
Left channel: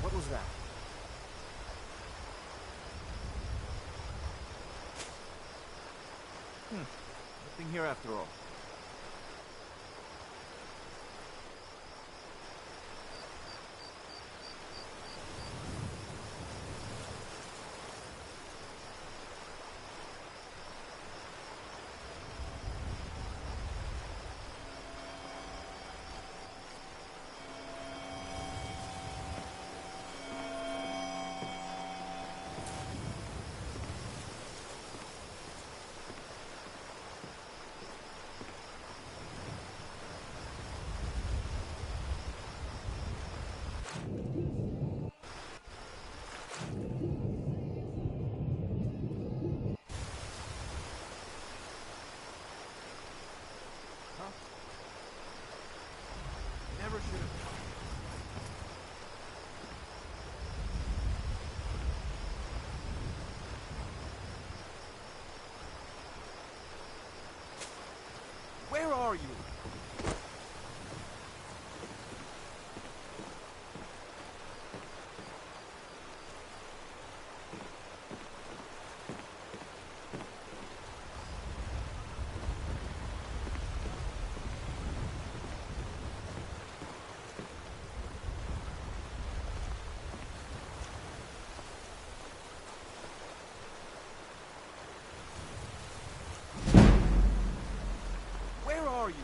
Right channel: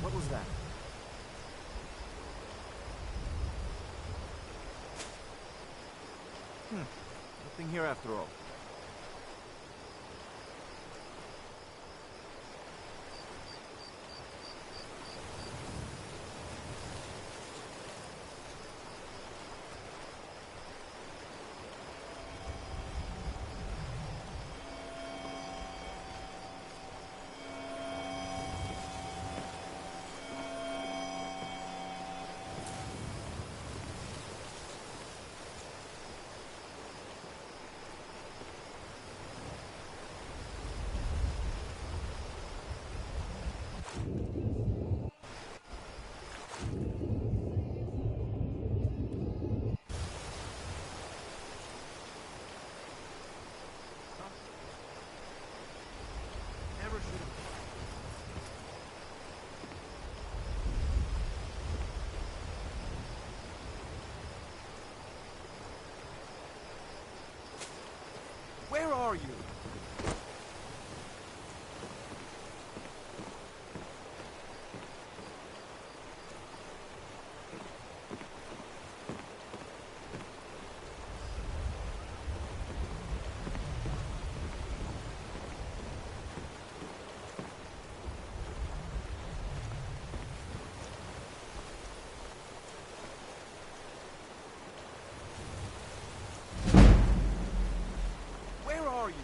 What was that? Nothing here after all. Never should have. Where are you? Where are you?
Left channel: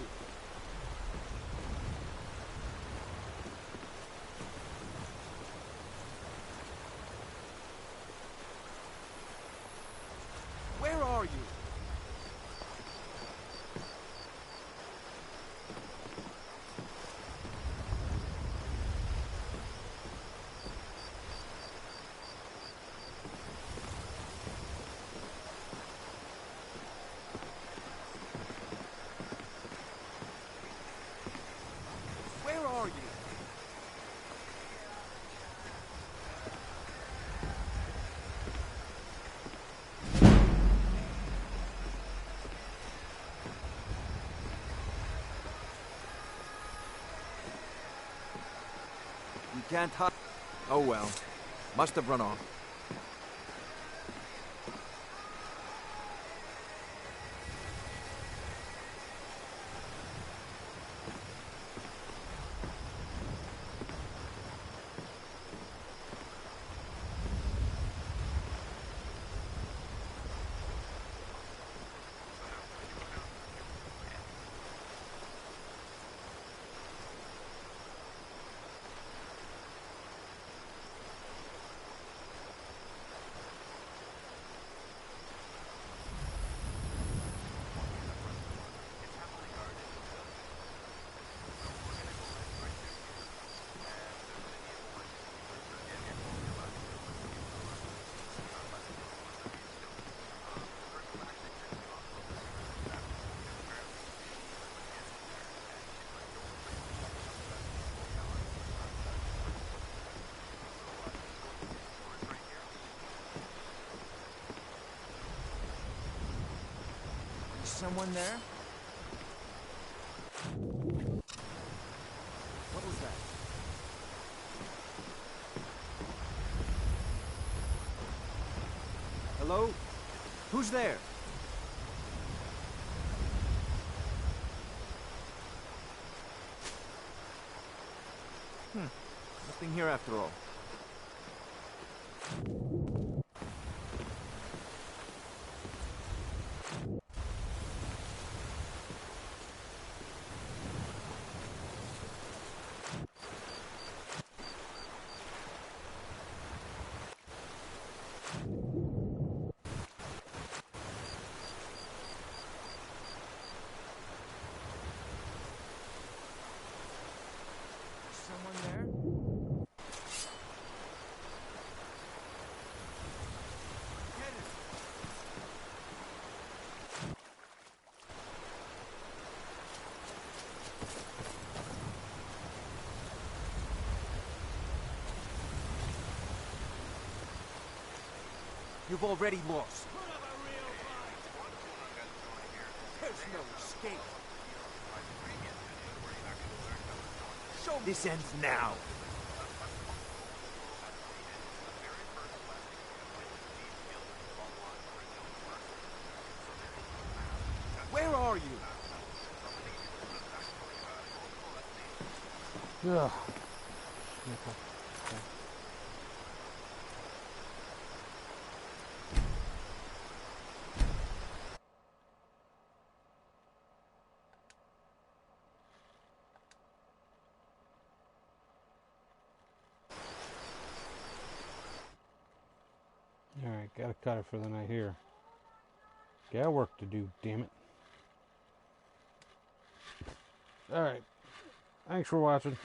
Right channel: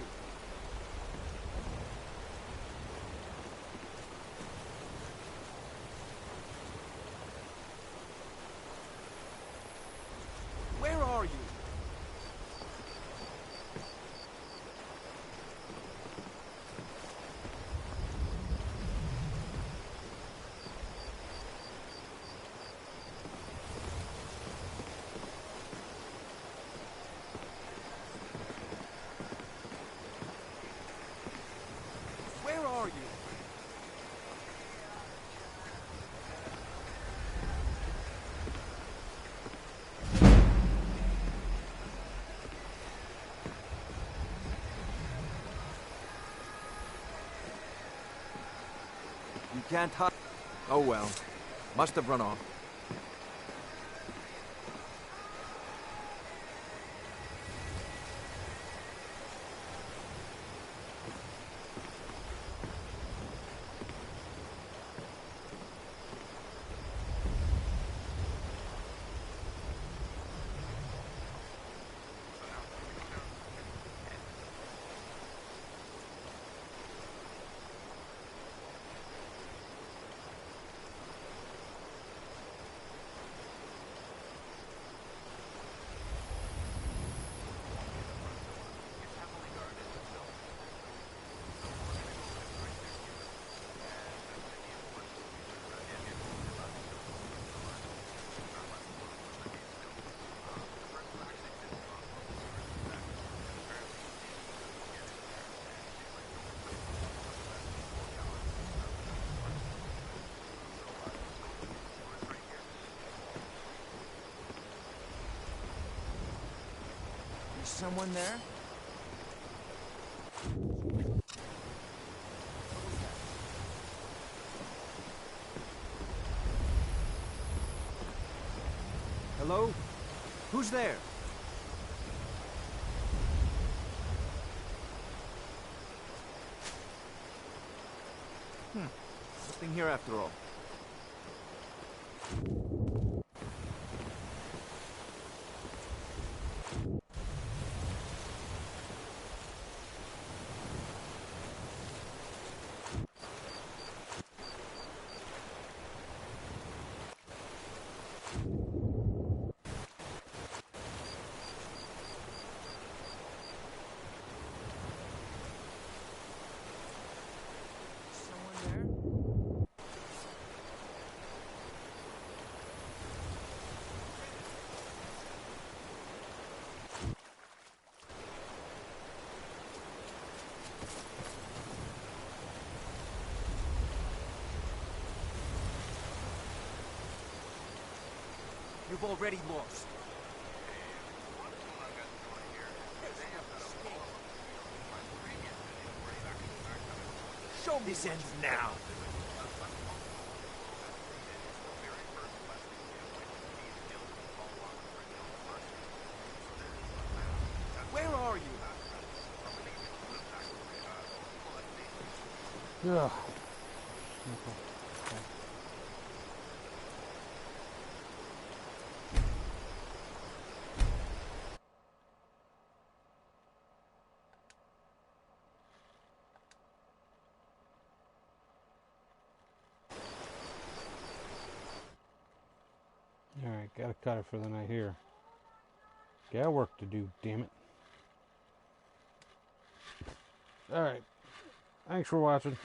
Where are you? Where are you? You can't hide. Oh well. Must have run off. someone there? What was that? Hello? Who's there? Nothing here after all. Someone there? You've already lost. There's no escape. Show me. This ends now. Where are you? Ugh. Alright, gotta cut it for the night here. Got work to do, damn it. Alright. Thanks for watching.